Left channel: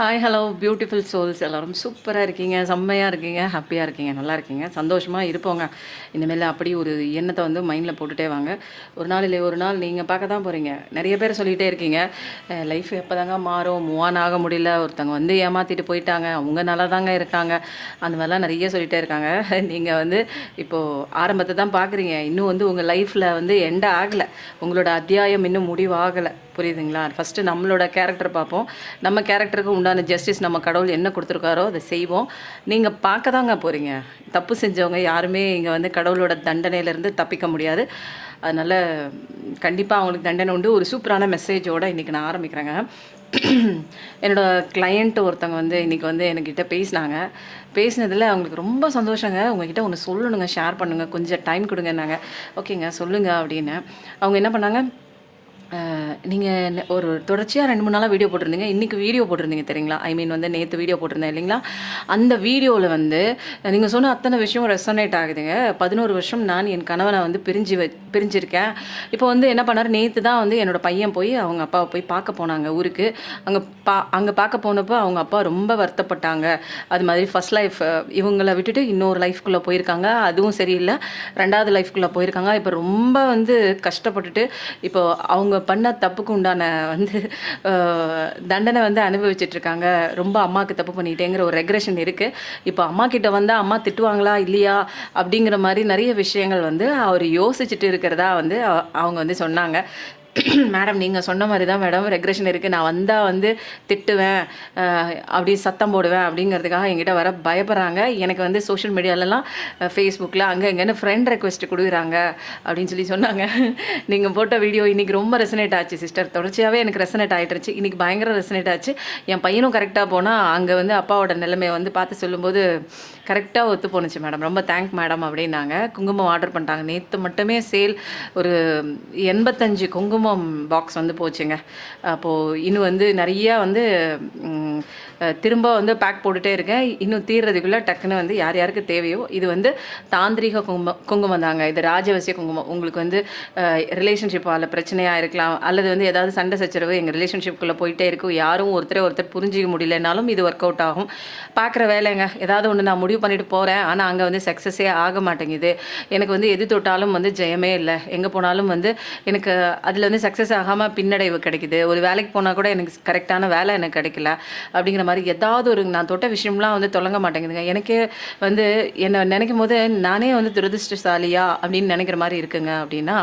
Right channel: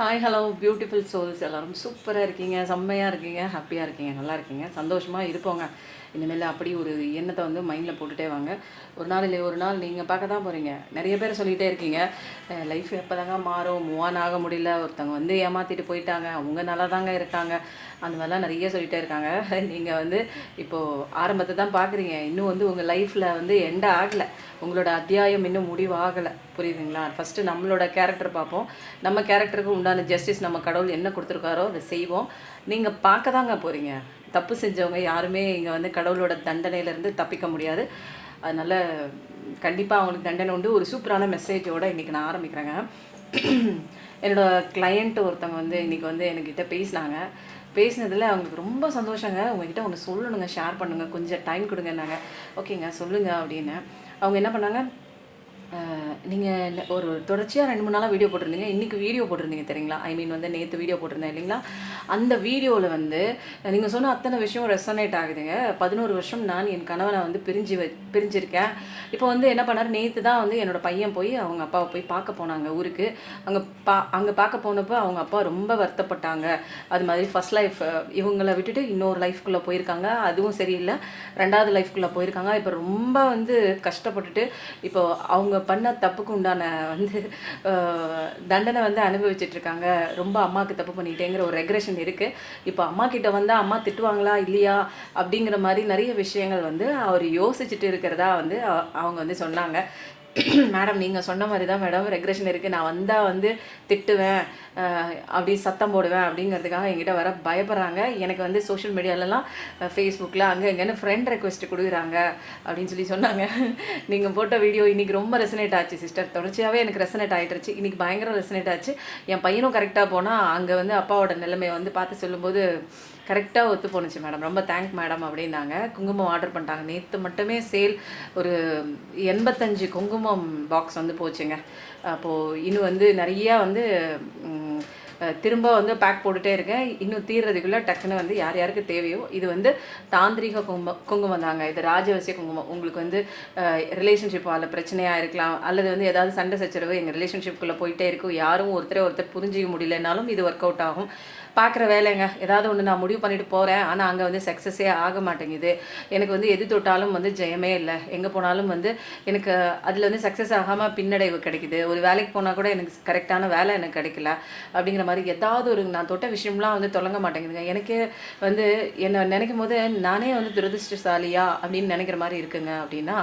Hi hello beautiful souls எல்லோரும் சூப்பராக இருக்கீங்க, செம்மையாக இருக்கீங்க, ஹாப்பியாக இருக்கீங்க, நல்லா இருக்கீங்க, சந்தோஷமாக இருப்போங்க. இனிமேல் அப்படி ஒரு எண்ணத்தை வந்து மைண்டில் போட்டுகிட்டே வாங்க. ஒரு நாள் இல்லை ஒரு நாள் நீங்கள் பார்க்க தான் போகிறீங்க. நிறைய பேர் சொல்லிகிட்டே இருக்கீங்க, லைஃப் எப்போ தாங்க மாறும், மூவ் ஆன் ஆக முடியல, ஒருத்தவங்க வந்து ஏமாற்றிட்டு போயிட்டாங்க, அவங்க நல்லா தாங்க இருக்காங்க, அந்த மாதிரிலாம் நிறைய சொல்லிகிட்டே இருக்காங்க. நீங்கள் வந்து இப்போது ஆரம்பத்தை தான் பார்க்குறீங்க, இன்னும் வந்து உங்கள் லைஃப்பில் வந்து எண்ட் ஆகலை, உங்களோட அத்தியாயம் இன்னும் முடிவாகலை, புரியுதுங்களா? ஃபஸ்ட்டு நம்மளோட கேரக்டர் பார்ப்போம். நம்ம கேரக்டருக்கு உண்டான ஜஸ்டிஸ் நம்ம கடவுள் என்ன கொடுத்துருக்காரோ அதை செய்வோம். நீங்கள் பார்க்க தாங்க போகிறீங்க. தப்பு செஞ்சவங்க யாருமே இங்கே வந்து கடவுளோட தண்டனையிலேருந்து தப்பிக்க முடியாது. அதனால் கண்டிப்பாக அவங்களுக்கு தண்டனை உண்டு. ஒரு சூப்பரான மெசேஜோடு இன்றைக்கி நான் ஆரம்பிக்கிறேங்க. என்னோடய கிளையண்ட் ஒருத்தவங்க வந்து இன்றைக்கி வந்து என்கிட்ட பேசினதில் அவங்களுக்கு ரொம்ப சந்தோஷங்க. உங்கள்கிட்ட ஒன்று சொல்லணுங்க, ஷேர் பண்ணுங்கள், கொஞ்சம் டைம் கொடுங்கன்னாங்க. ஓகேங்க சொல்லுங்கள் அப்படின்னு. அவங்க என்ன பண்ணாங்க, நீங்கள் ஒரு தொடர்ச்சியாக 2-3 நாளாக வீடியோ போட்டிருந்தீங்க, இன்றைக்கி வீடியோ போட்டிருந்தீங்க தெரியுங்களா? ஐ மீன் வந்து நேற்று வீடியோ போட்டிருந்தேன் இல்லைங்களா? அந்த வீடியோவில் வந்து நீங்கள் சொன்ன அத்தனை விஷயம் ரெசனேட் ஆகுதுங்க. 11 வருஷம் நான் என் கணவனை வந்து பிரிஞ்சிருக்கேன். இப்போ வந்து என்ன பண்ணார், நேற்று தான் வந்து என்னோடய பையன் போய் அவங்க அப்பாவை போய் பார்க்க போனாங்க ஊருக்கு. அங்கே பார்க்க போனப்போ அவங்க அப்பா ரொம்ப வருத்தப்பட்டாங்க. அது மாதிரி ஃபஸ்ட் லைஃப் இவங்களை விட்டுட்டு இன்னொரு லைஃப்குள்ளே போயிருக்காங்க, அதுவும் சரியில்லை, 2வது லைஃப்குள்ளே போயிருக்காங்க. இப்போ ரொம்ப வந்து கஷ்டப்பட்டுட்டு இப்போ அவங்க பண்ண தப்புக்கு உண்டான வந்து தண்டனை வந்து அனுபவிச்சிட்ருக்காங்க. ரொம்ப அம்மாவுக்கு தப்பு பண்ணிட்டேங்கிற ஒரு ரெக்ரெஷன் இருக்குது. இப்போ அம்மா கிட்ட வந்தால் அம்மா திட்டுவாங்களா இல்லையா அப்படிங்கிற மாதிரி நிறைய விஷயங்கள் வந்து அவர் யோசிச்சுட்டு இருக்கிறதா வந்து அவங்க வந்து சொன்னாங்க. மேடம் நீங்கள் சொன்ன மாதிரி தான் மேடம் ரெக்ரெஷன் இருக்குது, நான் வந்தால் வந்து திட்டுவேன், அப்படி சத்தம் போடுவேன் அப்படிங்கிறதுக்காக என்கிட்ட வர பயப்படுறாங்க. எனக்கு வந்து சோஷியல் மீடியாலலாம் ஃபேஸ்புக்கில் அங்கே எங்கேன்னு ஃப்ரெண்ட் ரெக்வெஸ்ட் கொடுக்குறாங்க அப்படின்னு சொன்னாங்க. நீங்கள் போட்ட வீடியோ இன்றைக்கி ரொம்ப ரெசனேட் ஆச்சு சிஸ்டர், தொடர்ச்சியாகவே எனக்கு ரெசனேட் ஆகிட்டுருச்சு. இன்றைக்கி பயங்கர ரெசனேட் ஆச்சு. என் பையனும் கரெக்டாக போனால் அங்கே வந்து அப்பாவோட நிலைமையை வந்து பார்த்து சொல்லும்போது கரெக்டாக ஒத்து போணுச்சு மேடம், ரொம்ப தேங்க் மேடம் அப்படின்னாங்க. குங்குமம் ஆர்டர் பண்ணிட்டாங்க. நேற்று மட்டுமே சேல் ஒரு 85 குங்குமம் பாக்ஸ் வந்து போச்சுங்க. அப்போது இன்னும் வந்து நிறையா வந்து திரும்ப வந்து பேக் போட்டுகிட்டே இருக்கேன். இன்னும் தீர்றதுக்குள்ளே டக்குன்னு வந்து யார் யாருக்கு தேவையோ, இது வந்து தாந்திரிக குங்குமம் தாங்க, இது ராஜவசிய குங்குமம். உங்களுக்கு வந்து ரிலேஷன்ஷிப்பால் பிரச்சனையாக இருக்கலாம், அல்லது வந்து ஏதாவது சண்டை சச்சரவு எங்கள் ரிலேஷன்ஷிப்புக்குள்ளே போயிட்டே இருக்கும், யாரும் ஒருத்தர் புரிஞ்சிக்க முடியலனாலும் இது ஒர்க் அவுட் ஆகும். பார்க்குற வேலைங்க, ஏதாவது ஒன்று நான் முடிவு பண்ணிட்டு போகிறேன், ஆனால் அங்கே வந்து சக்ஸஸே ஆக மாட்டேங்குது. எனக்கு வந்து எது தொட்டாலும் வந்து ஜெயமே இல்லை, எங்கே போனாலும் வந்து எனக்கு அதில் வந்து சக்ஸஸ் ஆகாமல் பின்னடைவு கிடைக்குது. ஒரு வேலைக்கு போனால் கூட எனக்கு கரெக்டான வேலை எனக்கு கிடைக்கல அப்படிங்கிற மாதிரி ஏதாவது ஒரு நான் தொட்ட விஷயம்லாம் வந்து தொடங்க மாட்டேங்குதுங்க. எனக்கு வந்து என்னை நினைக்கும் போது நானே வந்து துரதிருஷ்டசாலியா அப்படின்னு நினைக்கிற மாதிரி இருக்குங்க. அப்படின்னா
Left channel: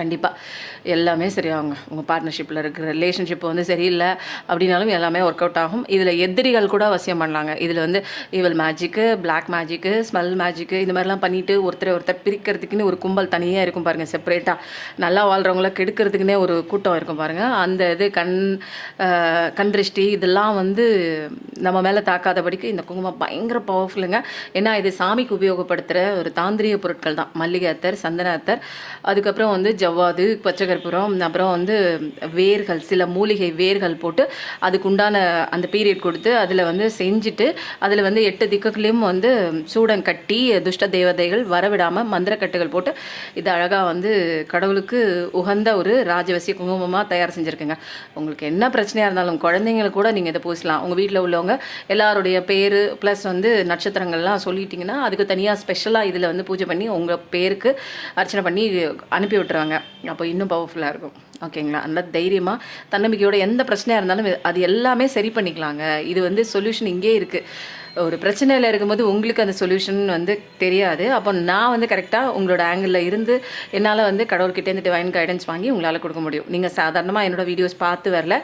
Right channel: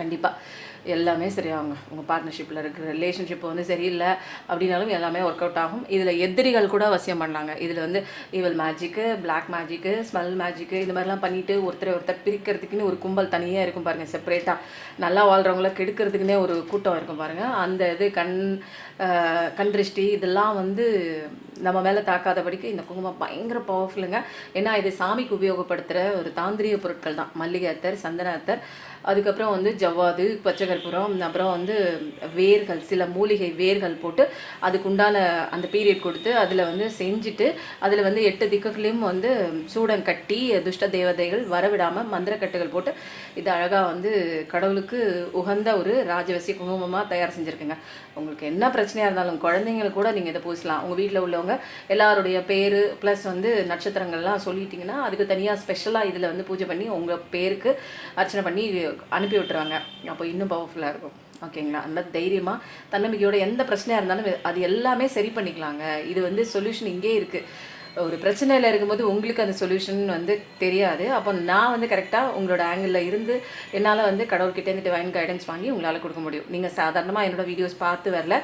கண்டிப்பாக எல்லாமே சரியாகுங்க. உங்கள் பார்ட்னர்ஷிப்பில் இருக்கிற ரிலேஷன்ஷிப் வந்து சரியில்லை அப்படின்னாலும் எல்லாமே ஒர்க் அவுட் ஆகும். இதில் எதிரிகள் கூட அவசியம் பண்ணலாங்க. இதில் வந்து evil magic, black magic, smell magic, இந்த மாதிரிலாம் பண்ணிவிட்டு ஒருத்தர் பிரிக்கிறதுக்குன்னு ஒரு கும்பல் தனியாக இருக்கும் பாருங்கள், செப்பரேட்டாக. நல்லா வாழ்கிறவங்கள கெடுக்கிறதுக்குன்னே ஒரு கூட்டம் இருக்கும் பாருங்கள். அந்த இது கண் திருஷ்டி இதெல்லாம் வந்து நம்ம மேலே தாக்காதபடிக்கு இந்த குங்குமம் பயங்கர பவர்ஃபுல்லுங்க. ஏன்னா இது சாமிக்கு உபயோகப்படுத்துகிற ஒரு தாந்திரிக பொருட்கள் தான். மல்லிகை அத்தர், சந்தன அத்தர், அதுக்கப்புறம் வந்து ஜவ்வாது, பச்சை கற்பூரம், அப்புறம் வந்து வேர்கள், சில மூலிகை வேர்கள் போட்டு அதுக்குண்டான அந்த பீரியட் கொடுத்து அதில் வந்து செஞ்சுட்டு அதில் வந்து 8 திக்குகளையும் வந்து சூடம் கட்டி துஷ்ட தேவதைகள் வரவிடாமல் மந்திரக்கட்டுகள் போட்டு இது அழகாக வந்து கடவுளுக்கு உகந்த ஒரு ராஜவசிய குங்குமமாக தயார் செஞ்சுருக்குங்க. உங்களுக்கு என்ன பிரச்சனையாக இருந்தாலும் குழந்தைங்களுக்கு கூட நீங்கள் இதை பூசலாம். உங்கள் வீட்டில் உள்ளவங்க எல்லாருடைய பேர் ப்ளஸ் வந்து நட்சத்திரங்கள்லாம் சொல்லிட்டிங்கன்னா அதுக்கு தனியாக ஸ்பெஷலாக இதில் வந்து பூஜை பண்ணி உங்கள் பேருக்கு அர்ச்சனை பண்ணி அனுப்பி விட்டுருவாங்க. அப்போ இன்னும் பவர்ஃபுல்லாக இருக்கும். ஓகேங்களா? அந்த தைரியமாக தன்னம்பிக்கையோட எந்த பிரச்சனையாக இருந்தாலும் அது எல்லாமே சரி பண்ணிக்கலாங்க. இது வந்து சொல்யூஷன் இங்கே இருக்குது. ஒரு பிரச்சனையில் இருக்கும்போது உங்களுக்கு அந்த சொல்யூஷன் வந்து தெரியாது. அப்போ நான் வந்து கரெக்டாக உங்களோட ஆங்கிளில் இருந்து என்னால் வந்து கடவுள்கிட்டேருந்து டிவைன் கைடன்ஸ் வாங்கி உங்களால் கொடுக்க முடியும். நீங்கள் சாதாரணமாக என்னோடய வீடியோஸ் பார்த்து வரல,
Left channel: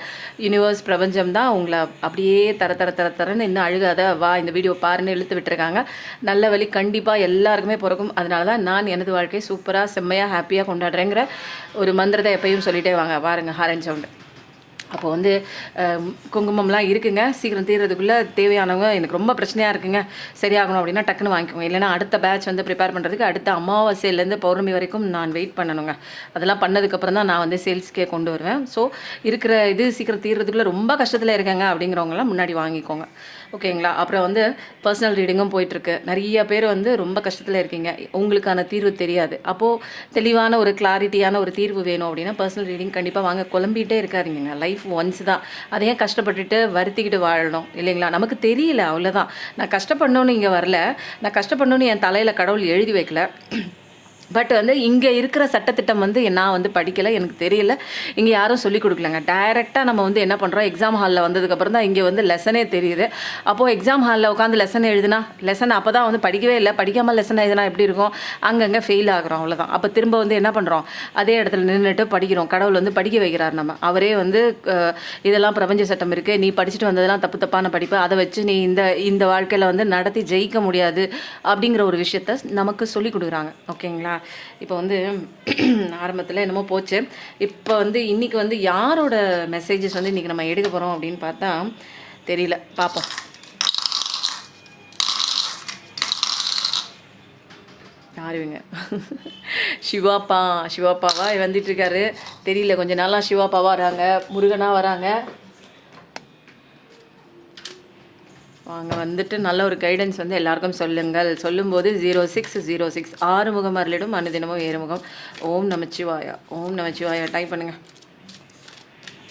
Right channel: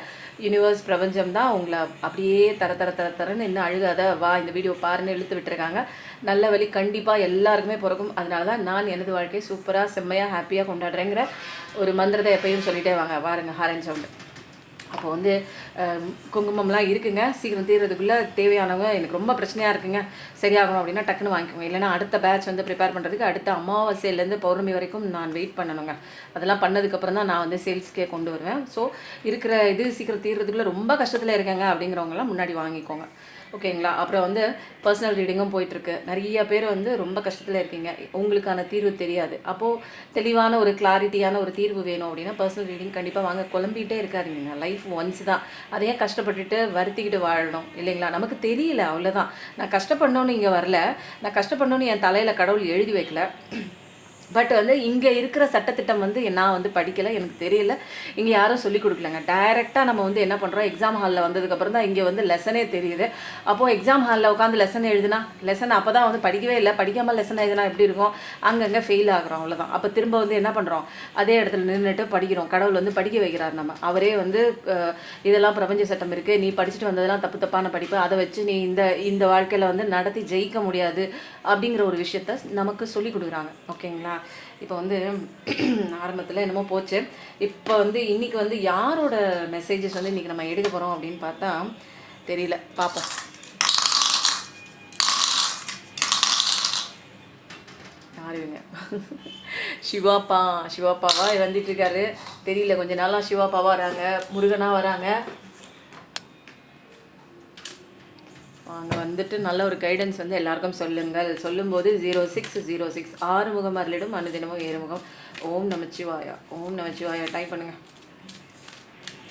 யூனிவர்ஸ் பிரபஞ்சம் தான் உங்களை அப்படியே தரன்னு இன்னும் அழுகாத வா இந்த வீடியோ பாருன்னு இழுத்து விட்டுருக்காங்க. நல்ல வழி கண்டிப்பாக எல்லாருக்குமே பிறக்கும். அதனால தான் நான் எனது வாழ்க்கையை சூப்பராக செம்மையாக ஹாப்பியாக கொண்டாடுறேங்கிற ஒரு மந்திரத்தை எப்பயும் சொல்லிகிட்டே வாங்க. பாருங்கள் ஹாரன் சவுண்டு. அப்போ வந்து குங்குமம்லாம் இருக்குங்க. சீக்கிரம் தீர்றதுக்குள்ளே தேவையானவங்க எனக்கு ரொம்ப பிரச்சனையாக இருக்குங்க, சரியாகணும் அப்படின்னா டக்குன்னு வாங்கிக்கோங்க. இல்லைனா அடுத்த பேட்ச் வந்து ப்ரிப்பேர் பண்ணுறதுக்கு அடுத்த அமாவாசையிலேருந்து பௌர்ணமி வரைக்கும் நான் வெயிட் பண்ணணுங்க. அதெல்லாம் பண்ணதுக்கப்புறம் தான் நான் வந்து சேல்ஸ்க்கே கொண்டு வருவேன். ஸோ இருக்கிற இது சீக்கிரம் தீர்றதுக்குள்ளே ரொம்ப கஷ்டத்தில் இருக்காங்க அப்படிங்கிறவங்களாம் முன்னாடி வாங்கிக்கோங்க. ஓகேங்களா? அப்புறம் வந்து பர்சனல் ரீடிங்கும் போயிட்டுருக்கு. நிறைய பேர் வந்து ரொம்ப கஷ்டத்தில் இருக்கீங்க, உங்களுக்கான தீர்வு தெரியாது. அப்போது தெளிவான ஒரு கிளாரிட்டியான ஒரு தீர்வு வேணும் அப்படின்னா பர்சனல் ரீடிங் கண்டிப்பாக வாங்க. குழம்பிகிட்டே இருக்காருங்க. லைஃப் லைஃப் ஒன்ஸ் தான். அதை ஏன் கஷ்டப்பட்டுட்டு வருத்திக்கிட்டு வாழணும் இல்லைங்களா? நமக்கு தெரியல அவ்வளோதான். நான் கஷ்டப்படணும்னு இங்கே வரல. நான் கஷ்டப்படணும்னு என் தலையில் கடவுள் எழுதி வைக்கல. பட் வந்து இங்கே இருக்கிற சட்டத்திட்டம் வந்து நான் வந்து படிக்கலை, எனக்கு தெரியல, இங்கே யாரும் சொல்லிக் கொடுக்கலங்க. டைரெக்டாக நம்ம வந்து என்ன பண்ணுறோம், எக்ஸாம் ஹாலில் வந்ததுக்கப்புறம் தான் இங்கே வந்து லெசனே தெரியுது. அப்போது எக்ஸாம் ஹாலில் உட்காந்து லெசன் எழுதுனா, லெசன் அப்போ தான் வந்து படிக்கவே இல்லை, படிக்காமல் லெசன் எழுதுனா எப்படி இருக்கும், அங்கங்கே ஃபெயில் ஆகிறோம், அவ்வளோதான். அப்போ திரும்ப வந்து என்ன பண்ணுறோம், அதே இடத்துல நின்றுட்டு படிக்கிறோம். கடவுள் வந்து படிக்க வைக்கிறார் நம்ம. அவரே வந்து இதெல்லாம் பிரபஞ்ச சட்டம் இருக்குது, நீ படிச்சுட்டு வந்ததெல்லாம் தப்பு தப்பான படிப்பு, அதை வச்சு நீ இந்த வாழ்க்கையில் வந்து நடத்தி ஜெயிக்க முடியாது அப்படிங்கிற ஒரு விஷயத்த நமக்கு சொல்லி கொடுக்குறாங்க. ஓகேங்களா? இப்போ வந்து ஆரம்பத்தில் என்னமோ போச்சு. இப்போ வந்து இன்றைக்கி வந்து யாரோட மெசேஜஸ் வந்து இன்றைக்கி நம்ம எடுக்க போகிறோம் அப்படின்னு பார்த்தா தெரியல, பார்ப்போம். யாருங்க? சிவாப்பாவா வந்துட்டுருக்காரு தெரியல. கொஞ்ச நாளாக சிவாப்பாவா வராங்க, முருகனாக வராங்க. அவங்க வந்துட்டு நல்ல ஒரு கைடன்ஸ் வந்து எல்லாருக்கும் சொல்லுங்கள். சொல்லும்போது 0606 ஆறுமுகம் அருளிடும் அனுதினமும் ஏறுமுகம். ஓம் நமச்சிவாயா, ஓம் நமச்சிவாயா டைப் பண்ணுங்கள்.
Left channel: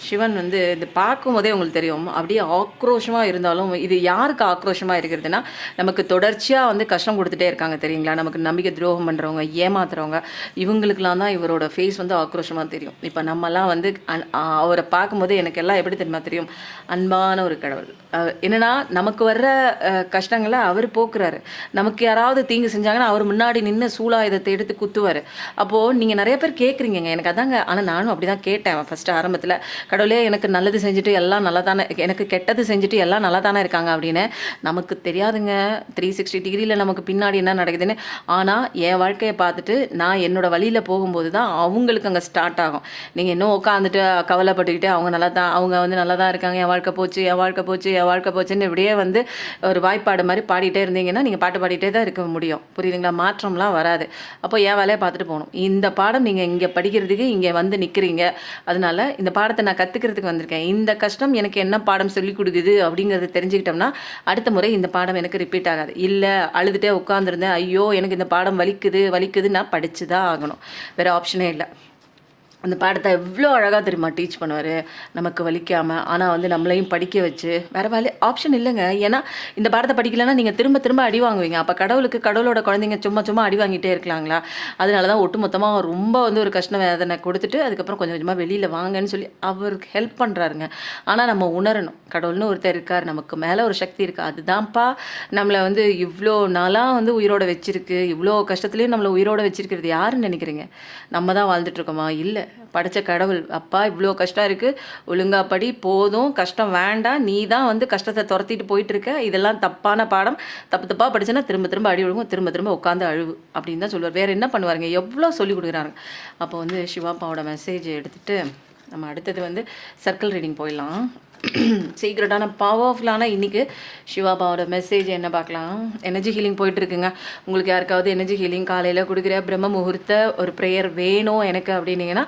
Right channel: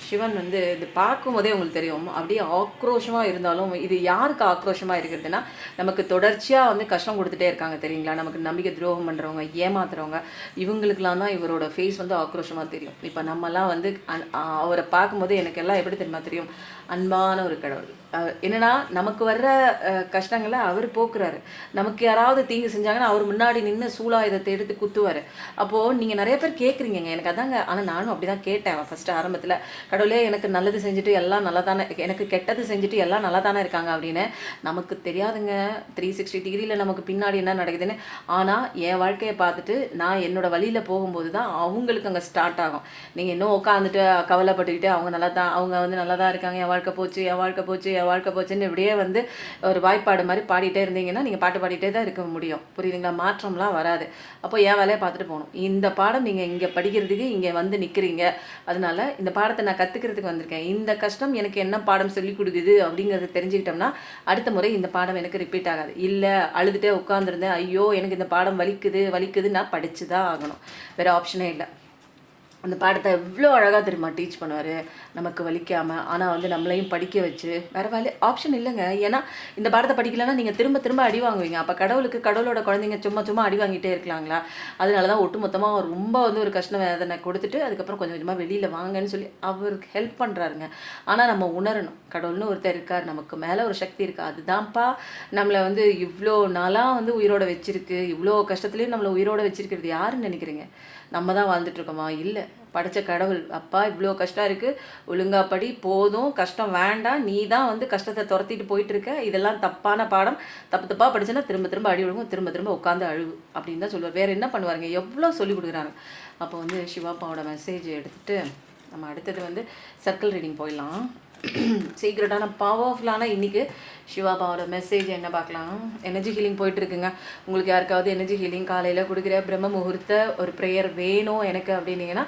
சிவன் வந்து இது பார்க்கும்போதே உங்களுக்கு தெரியும், அப்படியே ஆக்ரோஷமாக இருந்தாலும் இது யாருக்கு ஆக்ரோஷமாக இருக்கிறதுனா, நமக்கு தொடர்ச்சியாக வந்து கஷ்டம் கொடுத்துட்டே இருக்காங்க தெரியுங்களா? நமக்கு நம்பிக்கை துரோகம் பண்ணுறவங்க, ஏமாத்துறவங்க, இவங்களுக்கெல்லாம் தான் இவரோட ஃபேஸ் வந்து ஆக்ரோஷமாக தெரியும். இப்போ நம்மலாம் வந்து அவரை பார்க்கும்போது எனக்கு எல்லாம் எப்படி தெரியுமா தெரியும், அன்பான ஒரு கடவுள். என்னென்னா நமக்கு வர்ற கஷ்டங்களை அவர் போக்குறாரு. நமக்கு யாராவது தீங்கு செஞ்சாங்கன்னா அவர் முன்னாடி நின்று சூலாயுதத்தை எடுத்து குத்துவார். அப்போது நீங்கள் நிறைய பேர் கேட்குறீங்க, எனக்கு அதாங்க. ஆனால் நானும் அப்படி தான் கேட்டேன் ஃபஸ்ட்டு ஆரம்பத்தில், கடவுளே எனக்கு நல்லது செஞ்சுட்டு எல்லாம் நல்லா தானே, எனக்கு கெட்டது செஞ்சுட்டு எல்லாம் நல்லா தானே இருக்காங்க அப்படின்னு. நமக்கு தெரியாதுங்க 360 டிகிரியில் நமக்கு பின்னாடி என்ன நடக்குதுன்னு. ஆனால் என் வாழ்க்கையை பார்த்துட்டு நான் என்னோடய வழியில் போகும்போது தான் அவங்களுக்கு அங்கே ஸ்டார்ட் ஆகும். நீங்கள் இன்னும் உட்காந்துட்டு கவலைப்பட்டுக்கிட்டு அவங்க வந்து நல்லா தான் இருக்காங்க, என் வாழ்க்கை போச்சு, என் வாழ்க்கை போச்சு, என் வாழ்க்கை போச்சுன்னு இப்படியே வந்து ஒரு வாய்ப்பாடு மாதிரி பாடிட்டே இருந்தீங்கன்னா நீங்கள் பாட்டு பாடிட்டே தான் இருக்க முடியும். புரியுதுங்களா? மாற்றம்லாம் வராது. அப்போ என் வேலையை பார்த்துட்டு போகணும். இந்த பாடம் நீங்கள் இங்கே படிக்கிறதுக்கு இங்கே வந்து நிற்கிறீங்க, அதனால இந்த பாடத்தை நான் கற்றுக்கிறதுக்கு வந்திருக்கேன். இந்த கஷ்டம் எனக்கு என்ன பாடம் சொல்லிக் கொடுக்குது அப்படிங்கிறத தெரிஞ்சுக்கிட்டோம்னா அடுத்த முறை இந்த பாடம் எனக்கு ரிப்பீட் ஆகாது. இல்லை அழுதுகிட்டே உட்காந்துருந்தேன், ஐயோ எனக்கு இந்த பாடம் வலிக்குது, நான் படித்து தான் ஆகணும், வேறு ஆப்ஷனே இல்லை. அந்த பாடத்தை எவ்வளோ அழகாக தெரியுமா டீச் பண்ணுவார், நமக்கு வலிக்காமல். ஆனால் வந்து நம்மளையும் படிக்க வச்சு வேறு ஆப்ஷன் இல்லைங்க. ஏன்னா இந்த பாடத்தை படிக்கலைன்னா நீங்கள் திரும்ப அடி வாங்குவீங்க. அப்போ கடவுளோட குழந்தைங்க சும்மா அடி வாங்கிட்டே இருக்கலாங்களா? அதனால தான் ஒட்டுமொத்தமாக ரொம்ப வந்து ஒரு கஷ்ட வேதனை கொடுத்துட்டு அதுக்கப்புறம் கொஞ்சமாக வெளியில் வாங்கன்னு சொல்லி அவருக்கு ஹெல்ப் பண்ணுறாருங்க. ஆனால் நம்ம உணரணும், கடவுள்னு ஒருத்தர் இருக்கார், நமக்கு மேலே ஒரு சக்தி இருக்குது. அதுதான்ப்பா நம்மளை வந்து இவ்வளோ நாளாக வந்து உயிரோட வச்சிருக்கு. இவ்வளோ கஷ்டத்துலேயும் நம்மளை உயிரோட வச்சிருக்கிறது யாருன்னு நினைக்கிறீங்க? நம்ம தான் வாழ்ந்துட்டுருக்கோமா? இல்லை, படித்த கடவுள். அப்பா இவ்வளோ கஷ்டம் இருக்குது, ஒழுங்காக படி, போதும், கஷ்டம் வேண்டாம், நீ தான் வந்து கஷ்டத்தை துரத்திட்டு போயிட்டுருக்க, இதெல்லாம் தப்பான பாடம், தப்பாக படிச்சுன்னா திரும்ப அடி விழுகும், திரும்ப உட்காந்து அழுவு அப்படின்னு தான் சொல்லுவார். வேறு என்ன பண்ணுவாருங்க? எவ்வளோ சொல்லி கொடுக்குறாங்க. அப்போ வந்து சிவாப்பாவோட மெசேஜ் எடுத்துகிட்டு நம்ம அடுத்தது வந்து சர்க்கிள் ரீடிங் போயிடலாம். சீக்ரெட்டான பவர்ஃபுல்லான இன்றைக்கி சிவாபாவோட மெசேஜ் என்ன பார்க்கலாம். எனர்ஜி ஹீலிங் போயிட்டுருக்குங்க. உங்களுக்கு யாருக்காவது எனர்ஜி ஹீலிங் காலையில் கொடுக்குற பிரம்ம முகூர்த்த ஒரு ப்ரேயர் வேணும் எனக்கு அப்படின்னீங்கன்னா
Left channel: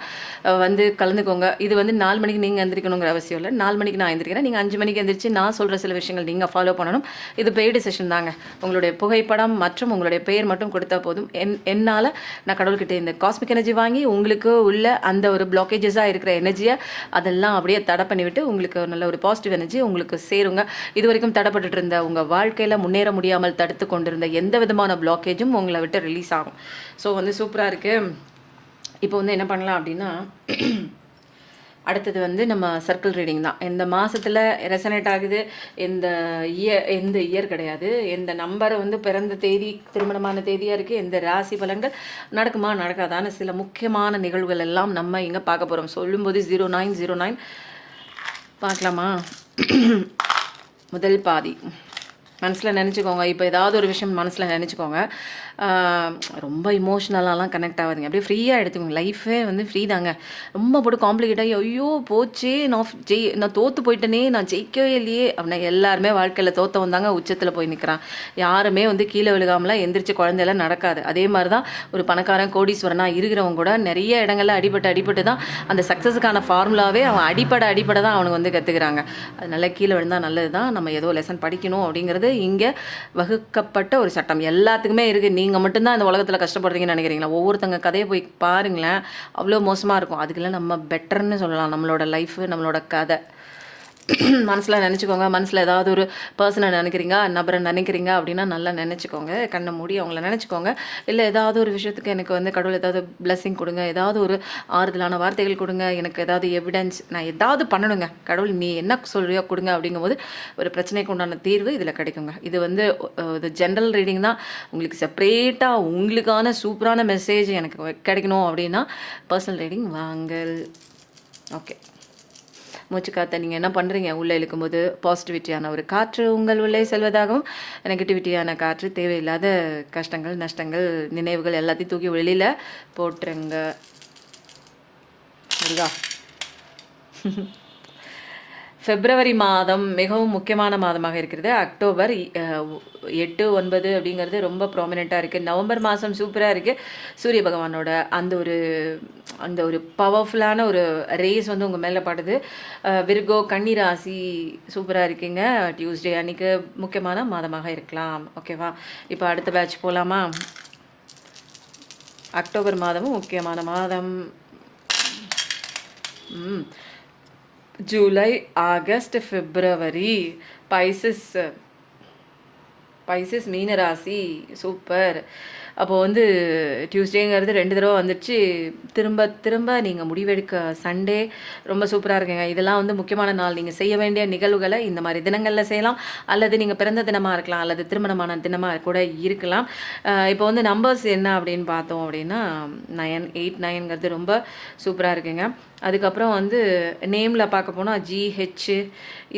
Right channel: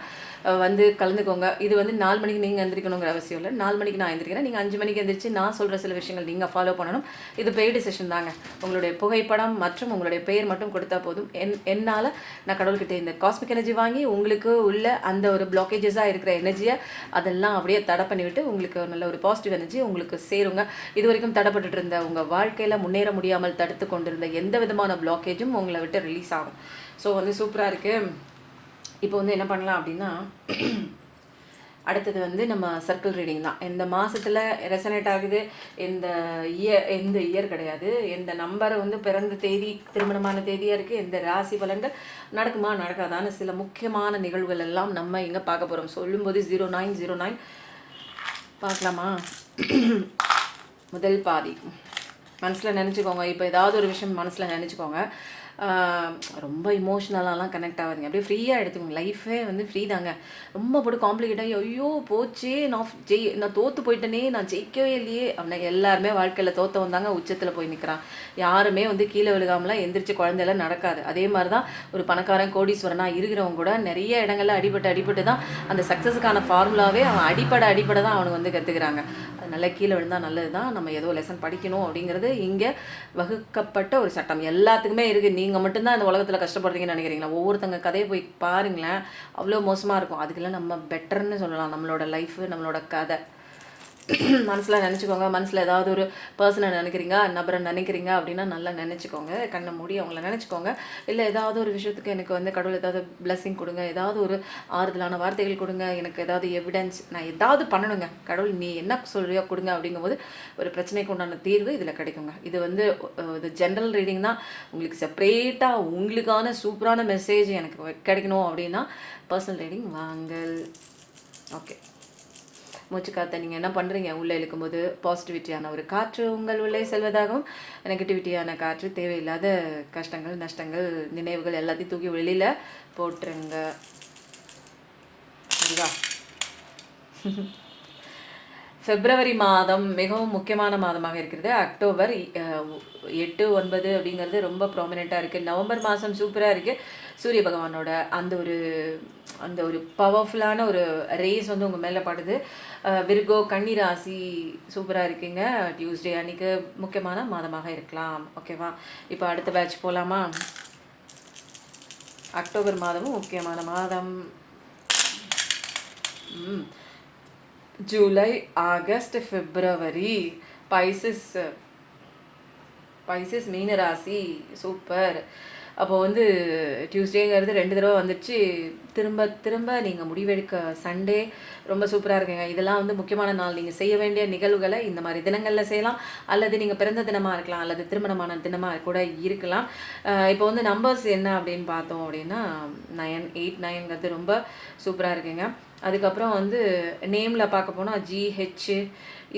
வந்து கலந்துக்கோங்க. இது வந்து 4 மணிக்கு நீங்கள் எந்திரிக்கணுங்கிற அவசியம் இல்லை. 4 மணிக்கு நான் எந்திரிக்கிறேன், நீங்கள் 5 மணிக்கு எந்திரிச்சு நான் சொல்கிற சில விஷயங்கள் நீங்கள் ஃபாலோ பண்ணணும். இது பெய்டு செஷன் தாங்க. உங்களுடைய புகைப்படம் மற்றும் உங்களுடைய பெயர் மட்டும் கொடுத்தா போதும். என்னால் நான் கடவுள்கிட்ட இந்த காஸ்மிக் எனர்ஜி வாங்கி உங்களுக்கு உள்ள அந்த ஒரு பிளாக்கேஜஸாக இருக்கிற எனர்ஜியை அதெல்லாம் அப்படியே தடை பண்ணிவிட்டு உங்களுக்கு நல்ல ஒரு பாசிட்டிவ் எனர்ஜி உங்களுக்கு சேருங்க. இது வரைக்கும் தடைப்பட்டு இருந்த உங்கள் வாழ்க்கையில் முன்னேற முடியாமல் தடுத்து கொண்டிருந்த எந்த விதமான பிளாக்கேஜும் உங்களை விட்டு ரிலீஸ் ஆகும். ஸோ வந்து சூப்பராக இருக்குது. இப்போ வந்து என்ன பண்ணலாம் அப்படின்னா, அடுத்தது வந்து நம்ம சர்க்கிள் ரீடிங் தான். எந்த மாதத்தில் ரெசனேட் ஆகுது, எந்த இயர் கிடையாது, எந்த நம்பரை வந்து பிறந்த தேதி திருமணமான தேதியாக இருக்குது, எந்த ராசி பலன்கள் நடக்குமா நடக்காதான சில முக்கியமான நிகழ்வுகள் எல்லாம் நம்ம இங்கே பார்க்க போகிறோம். சொல்லும்போது 0909 பார்க்கலாமா? முதல் பாதி மனசில் நினச்சிக்கோங்க. இப்போ ஏதாவது ஒரு விஷயம் மனசில் நினச்சிக்கோங்க. ரொம்ப இமோஷ்னலாலாம் கனெக்ட் ஆகாதுங்க. அப்படியே ஃப்ரீயாக எடுத்துக்கோங்க. லைஃபே வந்து ஃப்ரீ தாங்க. ரொம்ப போட்டு காம்ப்ளிகேட்டாக ஐயோ போச்சே, நான் தோற்று போயிட்டேனே, நான் ஜெயிக்கவே இல்லையே அப்படின்னா எல்லாருமே வாழ்க்கையில் தோற்ற தாங்க உச்சத்தில் போய் நிற்கிறான். யாருமே வந்து கீழே விழுகாமலாம் எந்திரிச்சு குழந்தையெல்லாம் நடக்காது. அதே மாதிரி தான் ஒரு பணக்காரன் கோடீஸ்வரனாக இருக்கிறவங்க கூட நிறைய இடங்களில் அடிபட்டு தான் அந்த சக்ஸஸுக்கான ஃபார்முலாவே அவன் அடிப்படை தான் அவனுக்கு வந்து கற்றுக்கிறாங்க. அதனால கீழே விழுந்தால் நல்லது தான். நம்ம ஏதோ லெசன் படிக்கணும் அப்படிங்கிறது இங்கே வகுக்கப்பட்ட ஒரு சட்டம் எல்லாத்துக்குமே இருக்குது. நீங்கள் மட்டும்தான் இந்த உலகத்தில் கஷ்டப்படுறீங்கன்னு நினைக்கிறீங்களா? ஒவ்வொருத்தங்க கதையை போய் பாருங்களேன், அவ்வளோ மோசமாக இருக்கும். அதுக்கெல்லாம் நம்ம பெட்டர்ன்னு சொல்லலாம். நம்மளோட லைஃபு, நம்மளோட கதை. மனசில் நினச்சிக்கோங்க. மனசில் ஏதாவது ஒரு பர்சனை நினைக்கிறீங்க, நபரை நினைக்கிறீங்க அப்படின்னா நல்லா நினச்சிக்கோங்க. கண்ணை மூடி அவங்கள நினச்சிக்கோங்க. இல்லை ஏதாவது ஒரு விஷயத்துக்கு எனக்கு வந்து கடவுள் ஏதாவது பிளெஸ்ஸிங் கொடுங்க, ஏதாவது ஒரு ஆறுதலான வார்த்தைகள் கொடுங்க, எனக்கு ஏதாவது எவிடன்ஸ், நான் ஏதாவது பண்ணணுங்க, கடவுள் நீ என்ன சொல்கிறியோ கொடுங்க அப்படிங்கும்போது ஒரு பிரச்சனைக்கு உண்டான தீர்வு இதில் கிடைக்குங்க. இது வந்து இது ஜென்ரல் ரீடிங் தான். உங்களுக்கு செப்பரேட்டாக உங்களுக்கான சூப்பரான மெசேஜ் எனக்கு கிடைக்கணும் அப்படின்னா பர்சனல் ரீடிங் வாங்கல். ஓகே, மூச்சு காற்றை நீங்கள் என்ன பண்ணுறீங்க? உள்ளே இழுக்கும்போது பாசிட்டிவிட்டியான ஒரு காற்று உங்கள் உள்ளே செல்வதாகவும், நெகட்டிவிட்டியான காற்று தேவையில்லாத கஷ்டங்கள், நஷ்டங்கள், நினைவுகள் எல்லாத்தையும் தூக்கி வெளியில் போட்டுருங்க. சரிதா? பிப்ரவரி மாதம் மிகவும் முக்கியமான மாதமாக இருக்கிறது. அக்டோபர் 8, 9 அப்படிங்கிறது ரொம்ப ப்ராமினெண்ட்டாக இருக்குது. நவம்பர் மாதம் சூப்பராக இருக்குது. சூரிய பகவானோட அந்த ஒரு பவர்ஃபுல்லான ஒரு ரேஸ் வந்து உங்கள் மேலே படுது. விர்கோ கன்னி ராசி சூப்பராக இருக்கீங்க. டியூஸ்டே அன்றைக்கி முக்கியமான மாதமாக இருக்கலாம். ஓகேவா? இப்போ அடுத்த பேட்ச் போகலாமா? அக்டோபர் மாதமும் முக்கியமான மாதம். ஜூலை, ஆகஸ்ட், பிப்ரவரி. பைசஸ் மீனராசி சூப்பர். அப்போது வந்து டியூஸ்டேங்கிறது 2 தடவை வந்துடுச்சு. திரும்ப நீங்கள் முடிவெடுக்க சண்டே ரொம்ப சூப்பராக இருக்குங்க. இதெல்லாம் வந்து முக்கியமான நாள். நீங்கள் செய்ய வேண்டிய நிகழ்வுகளை இந்த மாதிரி தினங்களில் செய்யலாம். அல்லது நீங்கள் பிறந்த தினமாக இருக்கலாம், அல்லது திருமணமான தினமாக கூட இருக்கலாம். இப்போ வந்து நம்பர்ஸ் என்ன அப்படின்னு பார்த்தோம் அப்படின்னா 9, 8, 9ங்கிறது ரொம்ப சூப்பராக இருக்குங்க. அதுக்கப்புறம் வந்து நேமில் பார்க்க போனால் GH